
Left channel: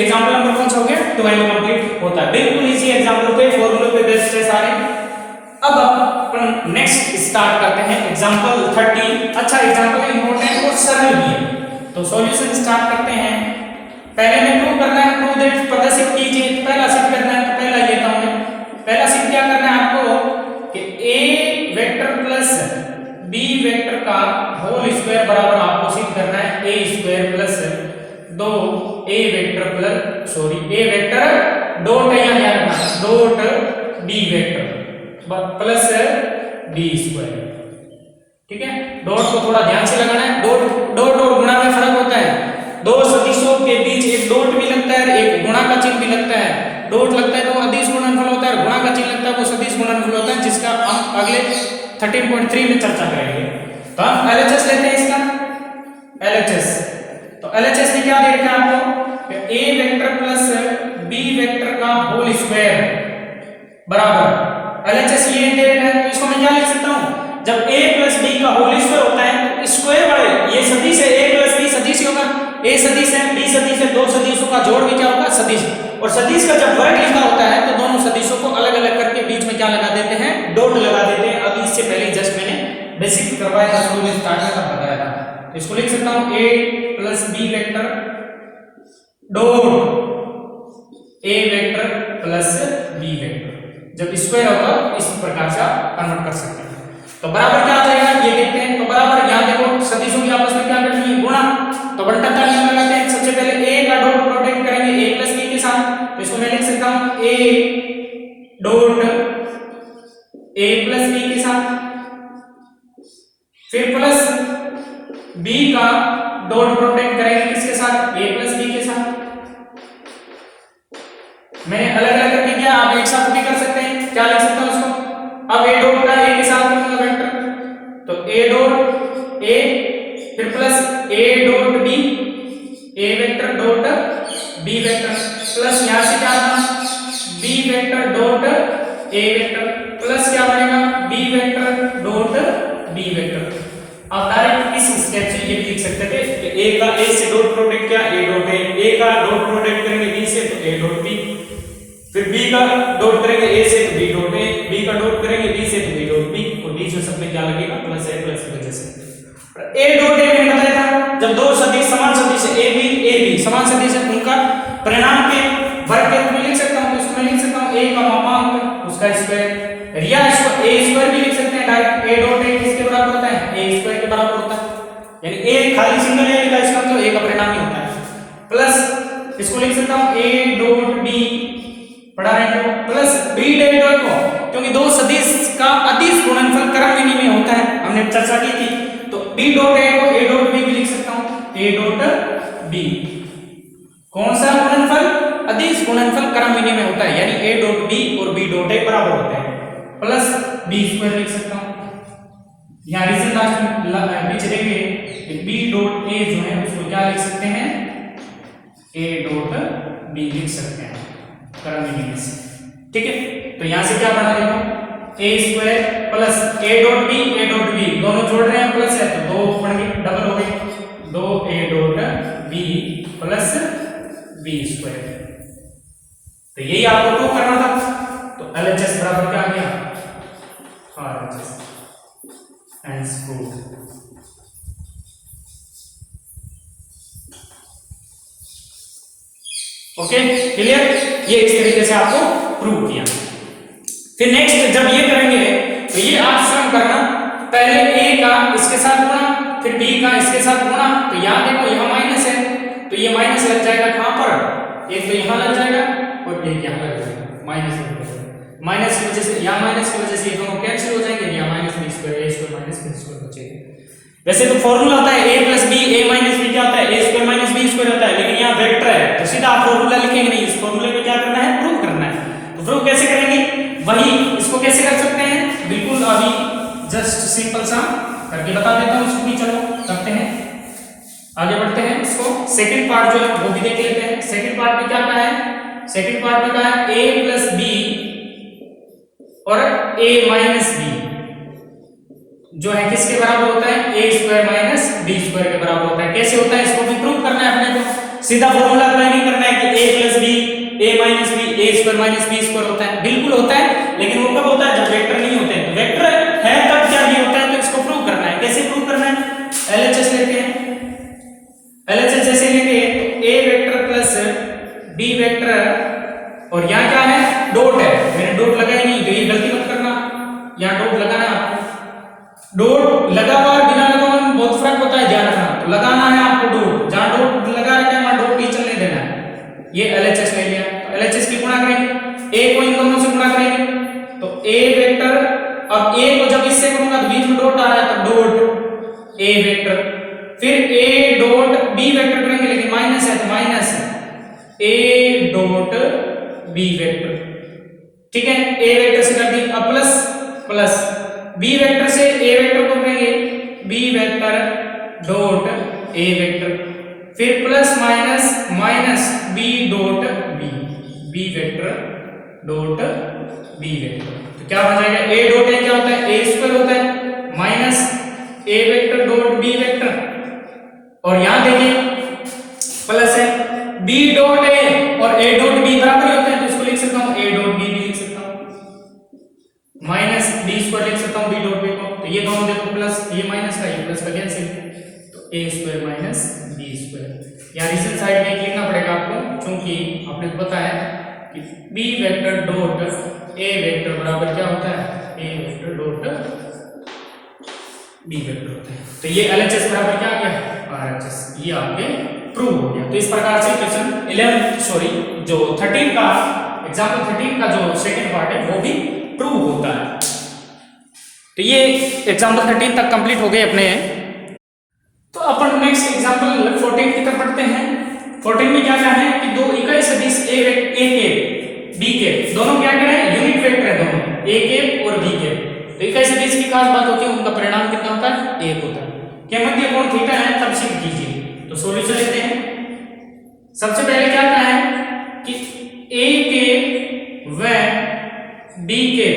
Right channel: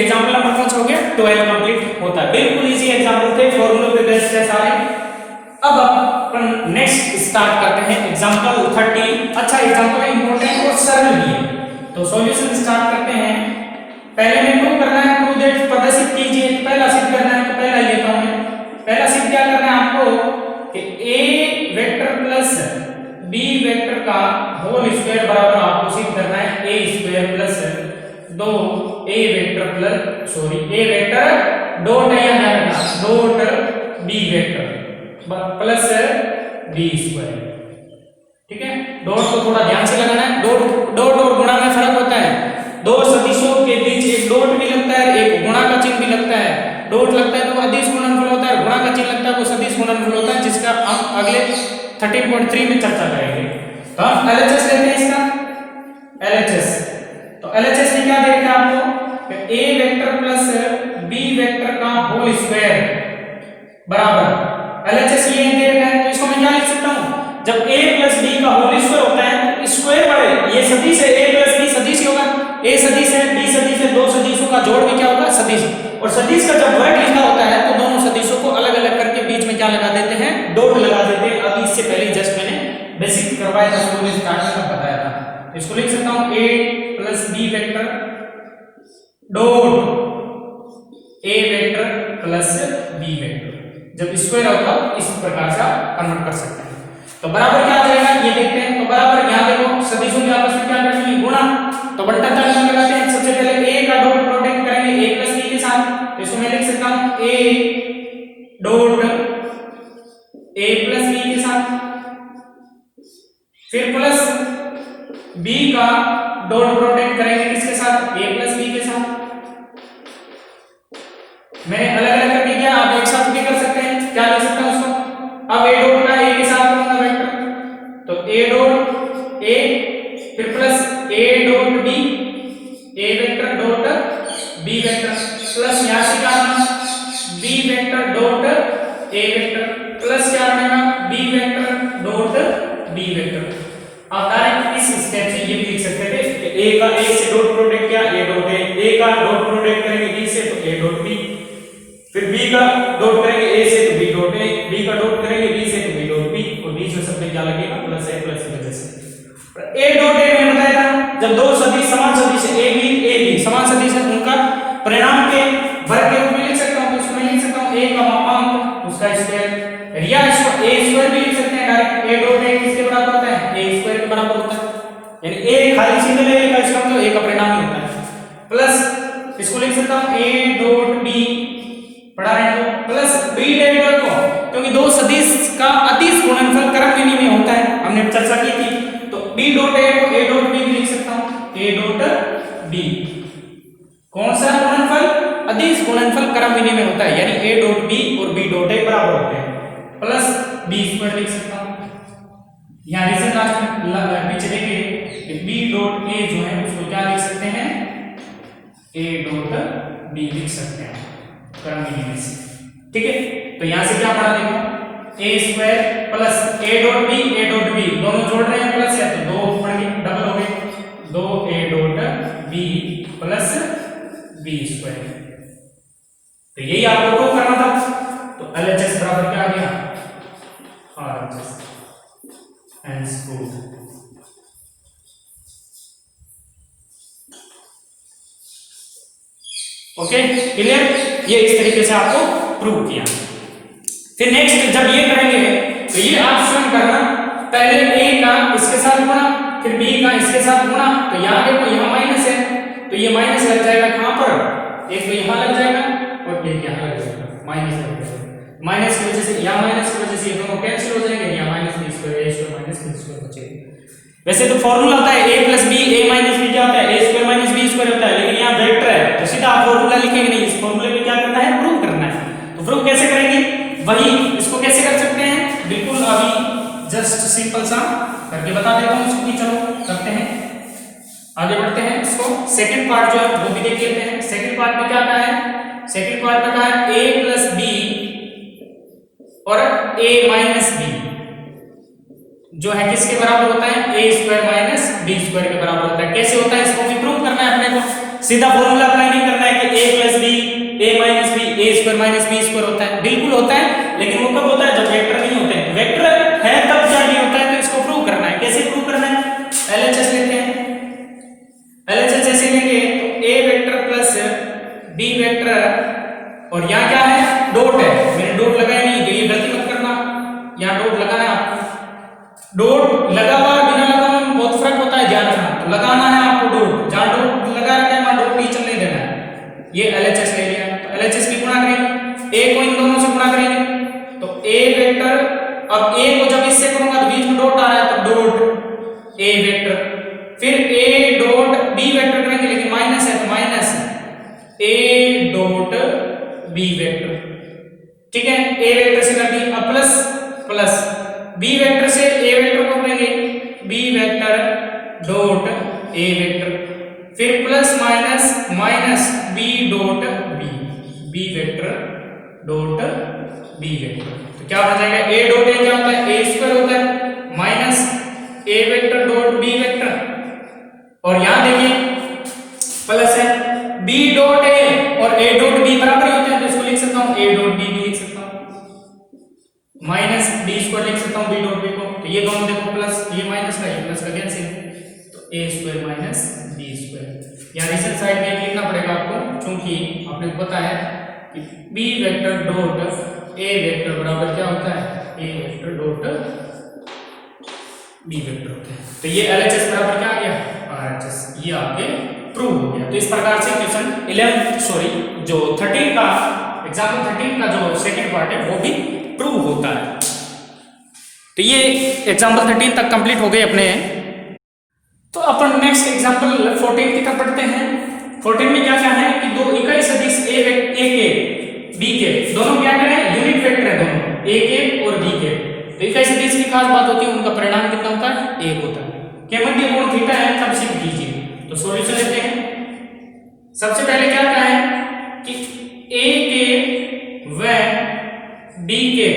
एग्जांपल नंबर कौन सा हो गया 12 कंप्लीट होता है। बिल्कुल इजी एग्जांपल थे, फॉर्मूले पे बेस्ड है सारे। अब अपन नेक्स्ट स्टार्ट करते हैं एग्जांपल 30। अच्छा एग्जांपल इंपॉर्टेंट और सरल भी है, तो सॉल्यूशन स्टार्ट करते हैं। पहले में प्रूव करना है, प्रूव दैट प्रदर्शित कीजिए। तो पहला सिद्ध करना है, तो पहला लेता हूं मैं। पहला सिद्ध क्या करना है आपको कि a vector plus b vector का होल स्क्वायर बराबर आपको सिद्ध करना है a square plus 2a vector a vector dot है यहाँ ध्यान रखना dot b vector plus b square. ठीक है, डॉट को थोड़ा ध्यान से लगाना है। डॉट और गुणा में फर्क होता है। दो सदिशों के बीच एक डॉट भी लगता है, एक गुणा का चिन्ह भी लगता है। डॉट लगता है तो वो अदिश गुणनफल होता है, गुणा का चिन्ह लगता है वो सदिश गुणनफल होता है, जिसका हम अगले 13.3 में चर्चा करेंगे। तो हम LHS लेते हैं इसका LHS। तो LHS में क्या दे रखा है आपको a vector plus b vector का होल स्क्वायर बराबर LHS ये दे रखा है। तो इसको मैं क्या लिख सकता हूँ, जब a प्लस b का होल स्क्वायर होता है तो स्क्वायर वाले ये सदिश है, a प्लस b सदिश ही होगा, a सदिश है b सदिश है, दो सदिशों का जोड़ भी क्या होगा सदिश। और सदिश का जब वर्ग लिखा होता है तो दोनों सदिशों को अलग अलग करके बीच में क्या लगा देते हैं डॉट लगा देते हैं। अभी इससे पहले जस्ट मैंने बेसिक करवाया था, शुरू में स्टार्ट में तब बताया था। इसको लिख सकता हूं a plus b vector dot a vector plus b vector. जब स्क्वायर होता है इस प्रकार से आप कन्वर्ट कर सकते हैं। तो बराबर क्या आ जाएगा ये देखते हैं। तो बराबर यहाँ देखो सदिशों की आपस में क्या करनी है गुणा, तो बंटन नियम लगाते हैं। सबसे पहले a का डॉट प्रोडक्ट करेंगे a प्लस b के साथ, तो इसको मैं लिख सकता हूं a dot a plus b के साथ, फिर प्लस b का डॉट प्रोडक्ट करेंगे किसके साथ a प्लस b के साथ। मैंने अलग अलग करके किया, आप एक साथ भी कर सकते हैं। क्या लिख सकता हूं उसको, अब a डॉट का a के साथ करूंगा वेक्टर, तो a डॉट a फिर plus a dot b a vector dot b vector plus यहां से क्या आना b vector dot a vector plus क्या बनेगा b vector dot b vector. आप डायरेक्ट इस स्टेप से ये भी लिख सकते थे कि a का a से डॉट प्रोडक्ट क्या a डॉट a का डॉट प्रोडक्ट करेंगे b से तो a डॉट b, फिर b का डॉट करेंगे a से तो b डॉट a, b का डॉट करेंगे b से तो b डॉट b, और बीच में सब में क्या लगेगा प्लस a प्लस की वजह से a डॉट a मैंने बताया था जब दो सदिश समान सदिश है a b समान सदिश है उनका परिणाम के वर्ग के रूप में लिख सकता हूं। तो इसको मैं लिख सकता हूं a का मापांक उसका स्क्वायर, या इसको a स्क्वायर भी लिख सकते हैं डायरेक्ट। a डॉट a किसके बराबर होता है a स्क्वायर के बराबर होता है, यानी a खाली सिंगल a लिखा इसका तो a का परिणाम ही होता है, प्लस इसको लिख सकता हूं a डॉट b पढ़ा रहे हो प्लस b डॉट को, क्योंकि दो सदिश का अदिश गुणनफल क्रम विनिमय में होता है, हमने चर्चा की थी। तो b डॉट a को a डॉट b भी लिख सकता हूं a डॉट b। कौन सा गुणनफल अदिश गुणनफल क्रम विनिमय में होता है, यानी a डॉट b और b डॉट a बराबर होते हैं। प्लस बी स्क्वायर लिख सकता हूं। यहाँ रीजन लास्ट नीचे देखिए बी डॉट ए जो है उसको क्या लिख सकते हैं, ए डॉट बी लिख सकते हैं क्रम से, ठीक है। तो यहां से क्या बना देखो A square plus A dot B दोनों जोड़ रहे हैं प्लस है तो दो बढ़ गए डबल हो गए, 2 A dot B plus B square. तो यही आपको प्रूव करना था। तो एलएचएस बराबर क्या आ गया, RHS and prove. Okay clear, ये इस तरीके से आपको प्रूव किया। फिर नेक्स्ट जब ये करेंगे तो ये आप सम करना, पहले a का इसके साथ गुणा फिर b का इसके साथ गुणा। तो यहां देखो यहाँ माइनस है तो ये माइनस लग जाएगा कहां पर, एक तो यहां लग जाएगा और एक यहां लग जाएगा, माइनस लग जाएगा। माइनस की वजह से यहाँ माइनस की वजह से ये दोनों कैंसिल हो जाएंगे, यहाँ minus B square A square minus B square बचेगा। वैसे तो फॉर्मूला होता है a plus B, a minus B क्या होता है, a square minus B square होता है, लेकिन यहाँ वेक्टर है तो सीधा आप फॉर्मूला लिखेंगे नहीं, इस फॉर्मूले को क्या करना है, प्रूव करना है। तो प्रूव कैसे करेंगे, वही इसको कैसे कर सकते हैं, बिल्कुल अभी जस्ट सिंपल सा करके बता देता हूं इसको भी। चलो करते हैं, आगे बढ़ते हैं। इसको सेकंड पार्ट जो है वो भी देख लेते हैं। सेकंड पार्ट में क्या कहा है, सेकंड पार्ट में कहा है a प्लस बी और a माइनस बी जो है किसके बराबर होता है, a square minus B square के बराबर होता है। कैसे होता है इसको भी प्रूव करना है अपने को, सीधा फॉर्मूला अप्लाई नहीं करना है कि a plus B a minus B a square minus B square होता है, बिल्कुल होता है, लेकिन वो कब होता है जब वेक्टर नहीं होते हैं। वेक्टर है तब क्या नहीं होता है, तो इसको प्रूव करना है। कैसे प्रूव करना है, एलएचएस लेते हैं। एलएचएस जैसे लेंगे तो a vector plus b vector और यहाँ क्या है डॉट है, मैंने डॉट लगाया नहीं तो ये गलती मत करना, यहाँ डॉट लगाना है आपको। डॉट लगा हुआ बिना लगा हुआ में बहुत फर्क होता है, ध्यान रखना। तो लगाना है आपको डॉट, जहां डॉट लगा रखा है वहां डॉट टीचर नहीं देना है। ये एलएचएस ले लिया, तो एलएचएस की गुणा करेंगे, a को इन दोनों से गुणा करेंगे तो a वेक्टर, अब a को जब इससे करूंगा तो बीच में डॉट आ रहा है तो डॉट a वेक्टर, फिर a डॉट b वेक्टर करेंगे लेकिन माइनस है तो minus a dot b vector, ठीक है। a वेक्टर से कर दी, अब प्लस प्लस b वेक्टर से a वेक्टर को करेंगे b vector dot a vector, फिर plus minus minus b dot b vector dot b vector. तो क्या बन जाएगा, a डॉट a क्या होता है, a स्क्वायर होता है minus a vector dot b vector, और यहां देखिए प्लस है b डॉट a और a डॉट b बराबर ही होते हैं, तो इसको लिख सकता हूं a डॉट b भी लिख सकता हूं, माइनस b स्क्वायर लिख सकता हूं b डॉट b को। तो ये दोनों देखो प्लस, ये माइनस का ये प्लस का कैंसिल, तो a square minus b square. यहाँ रीजन साइड में लिखना पड़ेगा आपको, क्योंकि आपने पता है कि b vector dot a vector बराबर क्या होता है, a vector dot b vector होता है। तो ये LHS बराबर क्या आ गया, RHS, ये आपके प्रूव हो गया। तो इस प्रकार से क्वेश्चन 13 का एग्जाम्पल 13 का जो सेकंड पार्ट है वो भी प्रूव होता है। तो ये एग्जाम्पल 13 तक कंप्लीट हो गए अपने। तो अपन नेक्स्ट एग्जांपल 14 की तरफ पढ़ते हैं। 14 में क्या है कि दो इकाई सदिश a के b के दोनों क्या करें, यूनिट वेक्टर है दोनों, a के और b के। तो इकाई सदिश की खास बात होती है उनका परिणाम कितना होता है, 1 होता है। क्या मध्य कोण थीटा है तब सिद्ध कीजिए। तो सॉल्यूशन लेते हैं। सबसे पहले क्या कहा है कि a के व b के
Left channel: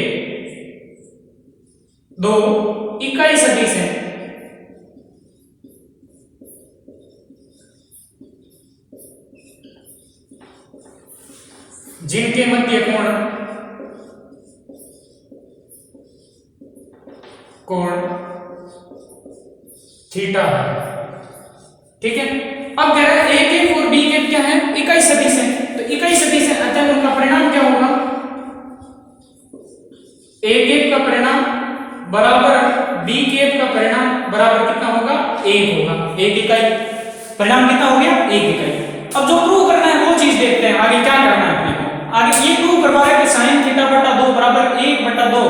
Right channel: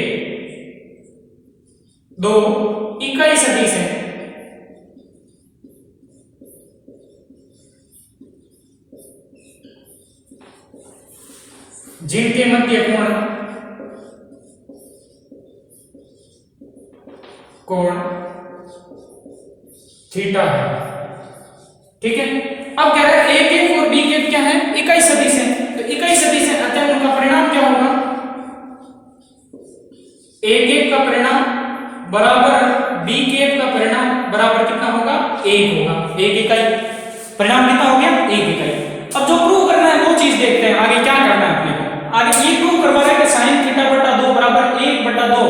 दो इकाई सदिश है जिनके मध्य कोण थीटा है, ठीक है। अब कह रहा है a के और b के क्या है, इकाई सदिश है। तो इकाई सदिश है अतः उनका परिणाम क्या होगा, a के का परिणाम बराबर b के का परिणाम बराबर कितना होगा, 1 होगा। a के का परिणाम कितना हो गया, 1 इकाई। अब जो प्रूव करना है वो चीज देखते हैं आगे क्या करना है अपने को। आगे ये प्रूव करवा रहा है कि sin थीटा बटा 2 बराबर 1 बटा 2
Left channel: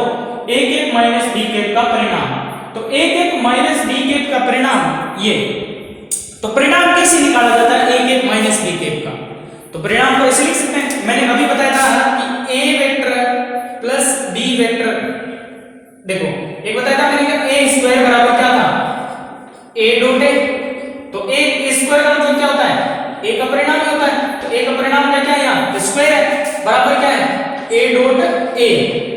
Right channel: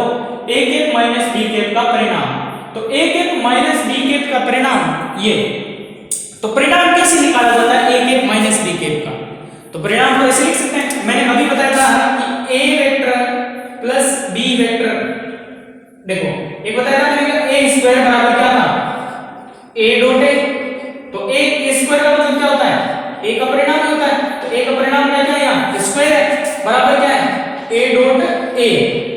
a के माइनस b के का परिणाम। तो a के माइनस b के का परिणाम ये, तो परिणाम कैसे निकाला जाता है a के माइनस b के का। तो परिणाम को ऐसे लिख सकते हैं, मैंने अभी बताया था कि a vector plus b vector देखो एक बताया था मैंने ए स्क्वायर बराबर क्या था, ए डॉट ए, तो ए स्क्वायर का मतलब क्या होता है, ए का परिणाम क्या होता है, तो ए का परिणाम क्या है यहाँ स्क्वायर है, बराबर क्या है ए डॉट ए।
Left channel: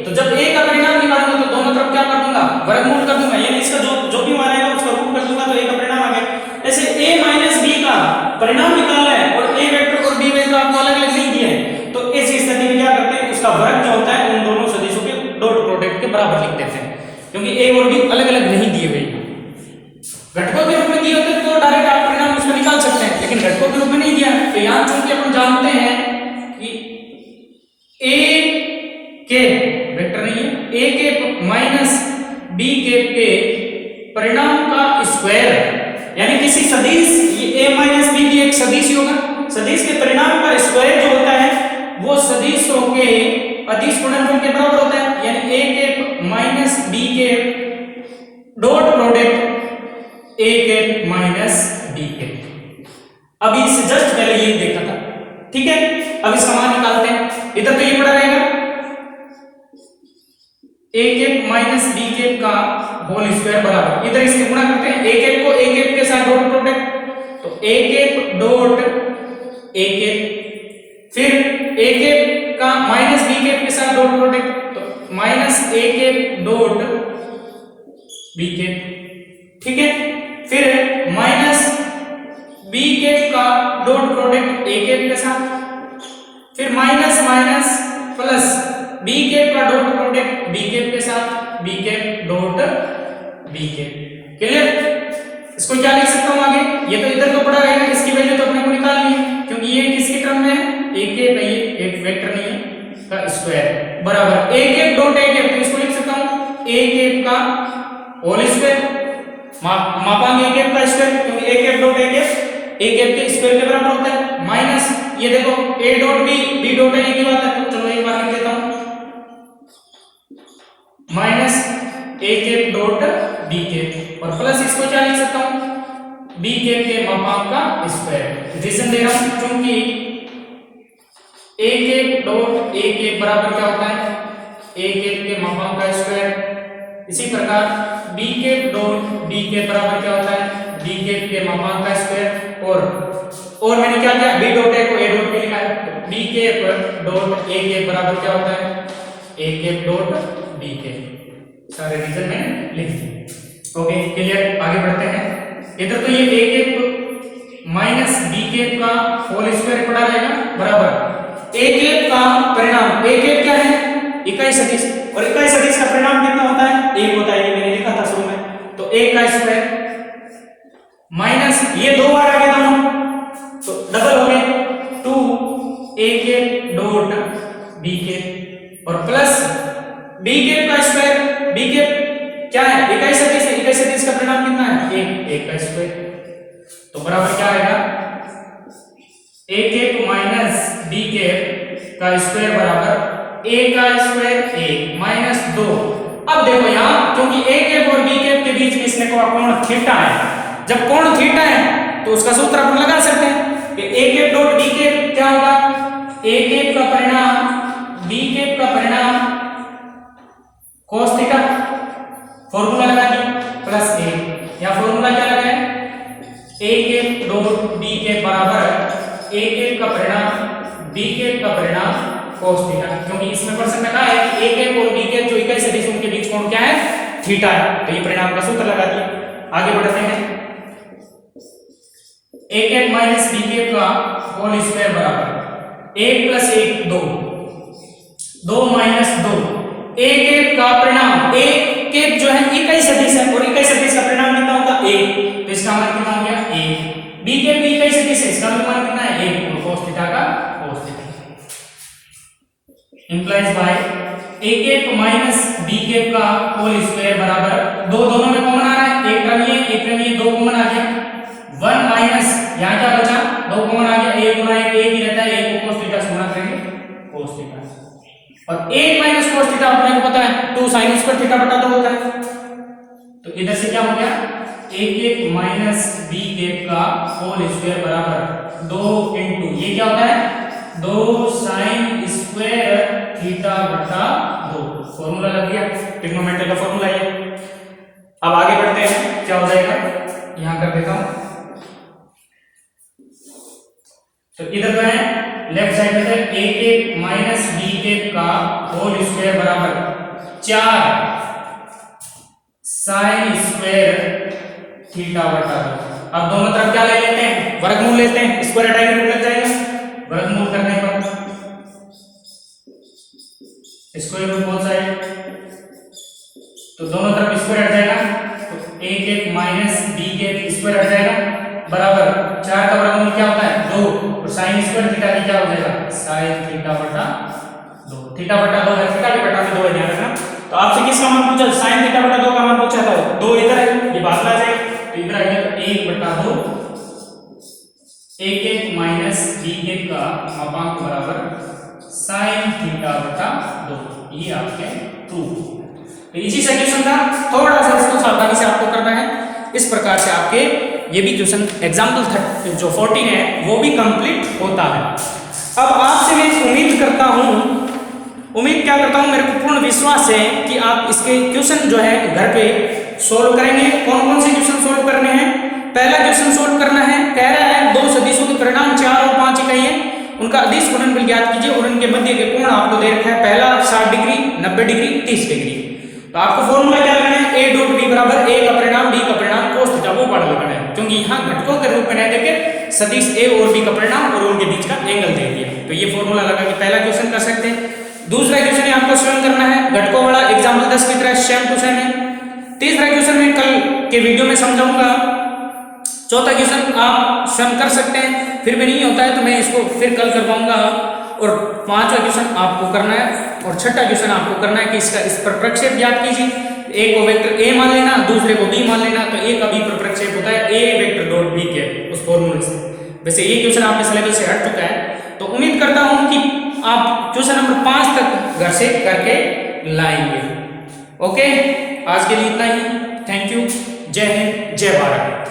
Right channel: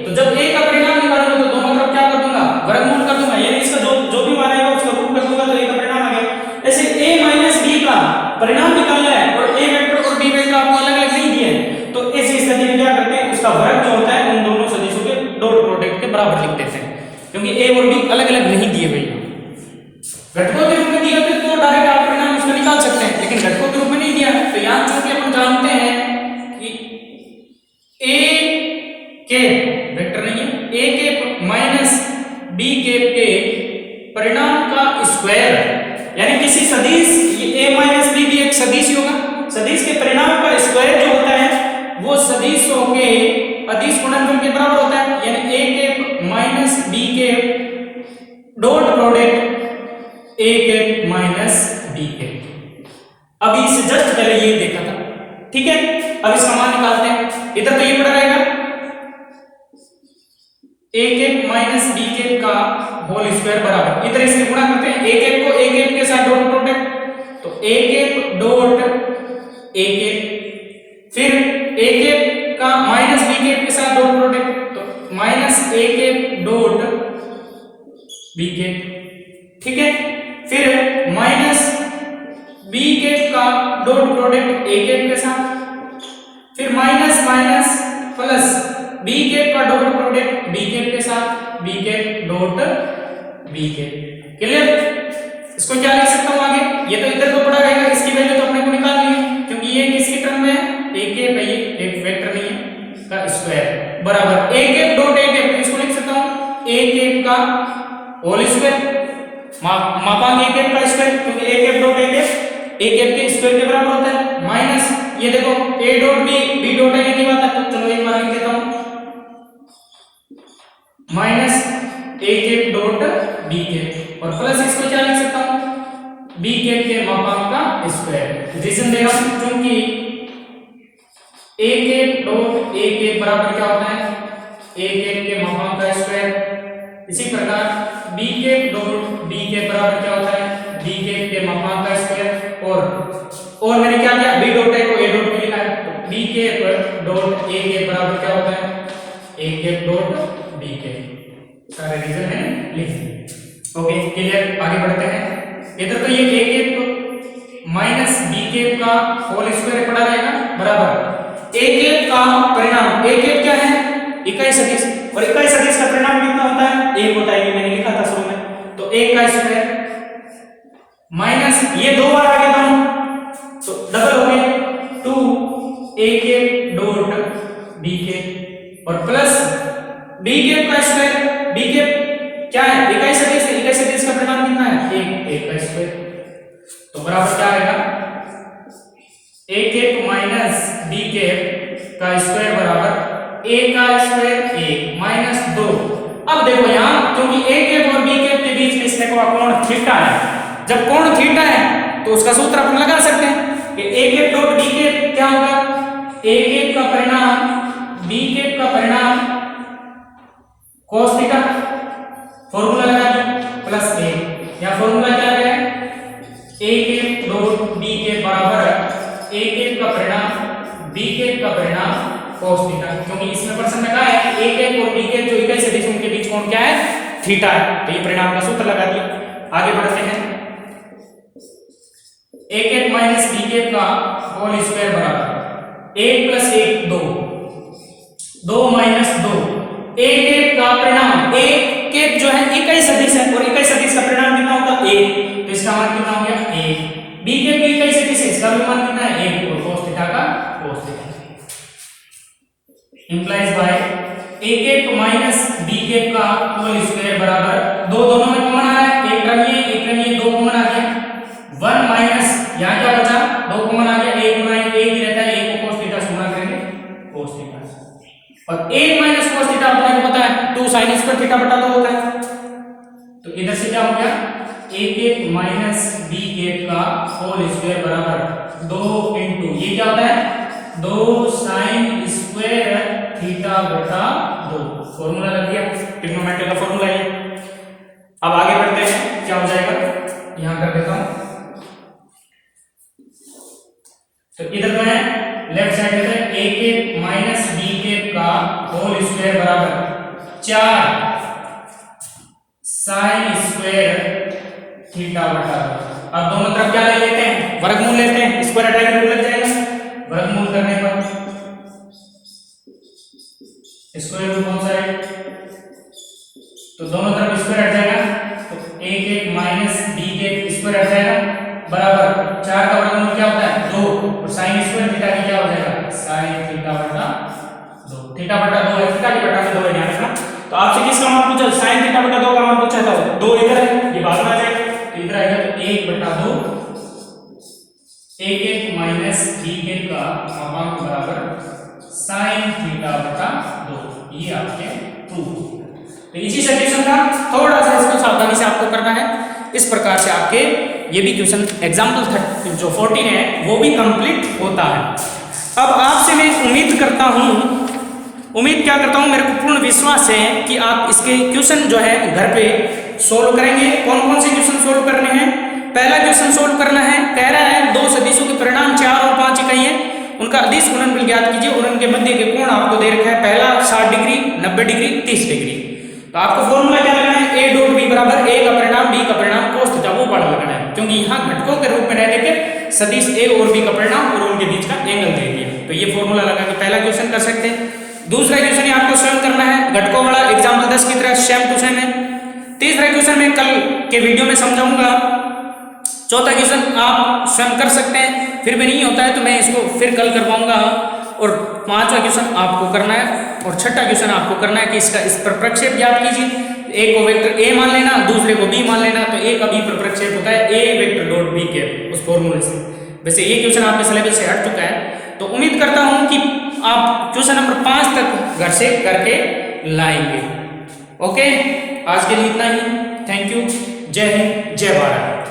तो जब ए का परिणाम निकालूंगा तो दोनों तरफ क्या कर दूंगा, वर्गमूल कर दूंगा, यानी इसका जो भी मान आएगा उसका रूट कर दूंगा तो ए का परिणाम आ गया। ऐसे a माइनस बी का परिणाम निकालना है और a वेक्टर और b वेक्टर आपको अलग अलग नहीं दिए हैं, तो इस स्थिति में क्या करते हैं, उसका वर्ग जो होता है उन दोनों सदिशों के डॉट प्रोडक्ट के बराबर लिख देते हैं, क्योंकि a और b अलग अलग नहीं दिए हुए हैं। घटकों के रूप में दिए होते तो डायरेक्ट आप परिणाम उसका निकाल सकते हैं, लेकिन घटकों के रूप में नहीं दिया, तो यहां चूंकि अपन जानते हैं कि a के वेक्टर नहीं है, a के माइनस b के परिणाम का स्क्वायर, यानी किसी सदिश, ये a माइनस बी भी एक सदिश ही होगा, सदिश के परिणाम का स्क्वायर जो होता है वो सदिशों के अदिश गुणनफल के बराबर होता है, यानी a के माइनस b के डॉट प्रोडक्ट a के माइनस b के। अभी इससे जस्ट पहले ये देखा था, ठीक है। अब इसका मान निकालते हैं, इधर तो ये पड़ा रहेगा a के माइनस b के का होल स्क्वायर बराबर, इधर इससे गुणा करते हैं a कैप को a कैप के साथ डॉट प्रोडक्ट, तो a cap dot a cap, फिर a कैप का माइनस b कैप के साथ डॉट प्रोडक्ट, तो minus a cap dot b cap, ठीक है। फिर माइनस b कैप का डॉट प्रोडक्ट a कैप के साथ, फिर minus minus plus b cap का डॉट प्रोडक्ट b कैप के साथ, b cap dot b cap. Clear? इसको क्या लिख सकता हूं आगे, ये तो इधर को पड़ा रहेगा, इसकी वैल्यू तो अपने को निकालनी है, क्योंकि ये किसकी टर्म में है, a कैप है, ये एक वेक्टर नहीं है का स्क्वायर बराबर a cap dot a cap, तो इसको लिख सकता हूं a कैप का होल स्क्वायर, मापांक a कैप का स्क्वायर, क्योंकि a cap dot a cap a cap के स्क्वायर के बराबर होता है, माइनस ये देखो a dot b dot a की बात है, तो चलो एक बार लिख देता हूं, minus a cap dot b cap, और प्लस इसको क्या लिख सकता हूं, b कैप के मापांक का स्क्वायर। रीजन दे रहा हूं क्योंकि a cap dot a cap बराबर क्या होता है, a कैप के मापांक का स्क्वायर। इसी प्रकार b cap dot b cap बराबर क्या होता है, b कैप के मापांक का स्क्वायर, और मैंने क्या किया, b डॉट a को a डॉट में लिखा है, तो b cap dot a cap बराबर क्या होता है, a cap dot b cap. सारे रीजन में लिख दिए। ओके क्लियर, आगे बढ़ते हैं। इधर तो ये a cap minus b cap का होल स्क्वायर पड़ा रहेगा बराबर a कैप का परिणाम, a कैप क्या है, इकाई सदिश, और इकाई सदिश का परिणाम कितना होता है, 1 होता है, ये मैंने लिखा था शुरू में, तो a का स्क्वायर माइनस ये दो बार आगे दोनों, तो डबल हो गए 2a cap dot b cap, और प्लस b कैप का स्क्वायर, b कैप क्या है, इकाई सदिश है, इकाई सदिश का परिणाम कितना है, 1 का स्क्वायर, तो बराबर क्या आएगा, a cap minus b cap का स्क्वायर बराबर a का स्क्वायर 1 माइनस 2। अब देखो यहाँ क्योंकि a कैप और b कैप के बीच में इसमें कोण थीटा है, जब कोण थीटा है तो उसका सूत्र अपन लगा सकते हैं कि a cap dot b cap क्या होगा, a कैप का परिणाम b कैप का परिणाम cos थीटा, फॉर्मूला लगा दिया प्लस a, या फॉर्मूला क्या लगाया, a cap dot b cap बराबर a कैप का परिणाम b कैप का परिणाम cos थीटा, क्योंकि इसमें प्रश्न में कहा है कि a कैप और b कैप जो इकाई सदिश उनके बीच कोण क्या है, थीटा है, तो ये परिणाम का सूत्र लगा दिया। आगे बढ़ते हैं, a cap minus b cap का होल स्क्वायर बराबर 1 प्लस 1 2, 2 माइनस 2, a कैप का परिणाम, a कैप जो है इकाई सदिश है और इकाई सदिश का परिणाम कितना होगा 1, तो इसका मान कितना हो गया 1, b कैप भी इकाई सदिश है, इसका भी मान कितना है 1, तो cos थीटा का cos theta implies by a cap minus b cap का होल स्क्वायर बराबर, दो दोनों में कॉमन आ रहा है, एक टर्म ये दो कॉमन आ गया, 1 माइनस यहाँ क्या बचा, दो कॉमन आ गया, 1 गुना 1 ही रहता है, 1 को cos थीटा से गुणा करेंगे cos थीटा, और 1 माइनस cos थीटा अपने को पता है 2 sin स्क्वायर थीटा बटा 2 होता है, तो इधर से क्या हो गया, a cap minus b cap का होल स्क्वायर बराबर 2 इंटू ये क्या होता है 2 sin स्क्वायर थीटा बटा 2, फॉर्मूला लग गया, ट्रिग्नोमेट्री का फॉर्मूला स्क्वायर बराबर 4 साइन स्क्वायर थीटा बटा 2। अब दोनों तरफ क्या ले लेते हैं, वर्गमूल लेते हैं, स्क्वायर हटाएंगे रूट लग जाएगा। वर्गमूल करने पर स्क्वायर रूट बोथ साइड, तो दोनों तरफ स्क्वायर हट जाएगा, तो a के माइनस b के स्क्वायर हट जाएगा बराबर 4 का वर्गमूल क्या होता है 2, और साइन स्क्वायर थीटा की क्या हो जाएगा साइन थीटा बटा 2। थीटा बटा 2 है, थीटा की बटा में 2 है, ध्यान रखना। तो आपसे किसका मान पूछा, साइन थीटा बटा 2 का मान पूछा था, 2 इधर है, ये बाद में आ जाएगा, तो इधर आएगा तो 1 बटा 2 a के माइनस b के का अपांक बराबर साइन थीटा बटा 2, ये आपके प्रूफ। तो इजी सा क्वेश्चन था, थोड़ा सा इसको सावधानी से आपको करना है। इस प्रकार से आपके ये भी क्वेश्चन एग्जाम्पल जो 14 है वो भी कंप्लीट होता है। अब आपसे मैं उम्मीद करता हूँ मेरे को पूर्ण विश्वास है कि आप इसके क्वेश्चन जो है घर पे सोल्व करेंगे। कौन कौन से क्वेश्चन सोल्व करने हैं, पहला क्वेश्चन सोल्व करना है, कह रहा है दो सदिशों के परिणाम 4 और 5 इकाई है, उनका अदिश गुणनफल ज्ञात कीजिए और उनके मध्य के कोण आपको दे रखा है, पहला 60 डिग्री, 90 डिग्री, 30 डिग्री। तो आपको फॉर्मूला क्या लगाना है, a डॉट b बराबर a का परिणाम b का परिणाम cos थीटा वो पढ़ लगाना है, क्योंकि यहाँ घटकों के रूप में रह लेके सदिश a और b का परिणाम और उनके बीच का एंगल दे दिया। तो ये फॉर्मूला लगा के पहला क्वेश्चन कर सकते हैं। दूसरा क्वेश्चन आपको स्वयं करना है, घटकों वाला एग्जाम्पल 10 की तरह सेम क्वेश्चन है। तीसरा क्वेश्चन मैं कल के वीडियो में समझाऊंगा। चौथा क्वेश्चन आप स्वयं कर सकते हैं, फिर भी नहीं होता है तो मैं इसको फिर कल करवाऊंगा। और पांचवा क्वेश्चन आपको करना है और छठा क्वेश्चन आपको करना है कि इसका इस पर प्रक्षेप ज्ञात कीजिए। एक को वेक्टर a मान लेना, दूसरे को b मान लेना, तो a का b पर प्रक्षेप होता है a वेक्टर डॉट b के उस फॉर्मूले से। वैसे ये क्वेश्चन आपके सिलेबस से हट चुका है, तो उम्मीद करता हूं कि आप क्वेश्चन नंबर 5 तक घर से करके लाएंगे। ओके, आज के लिए इतना ही। Thank you. जय हिंद, जय भारत।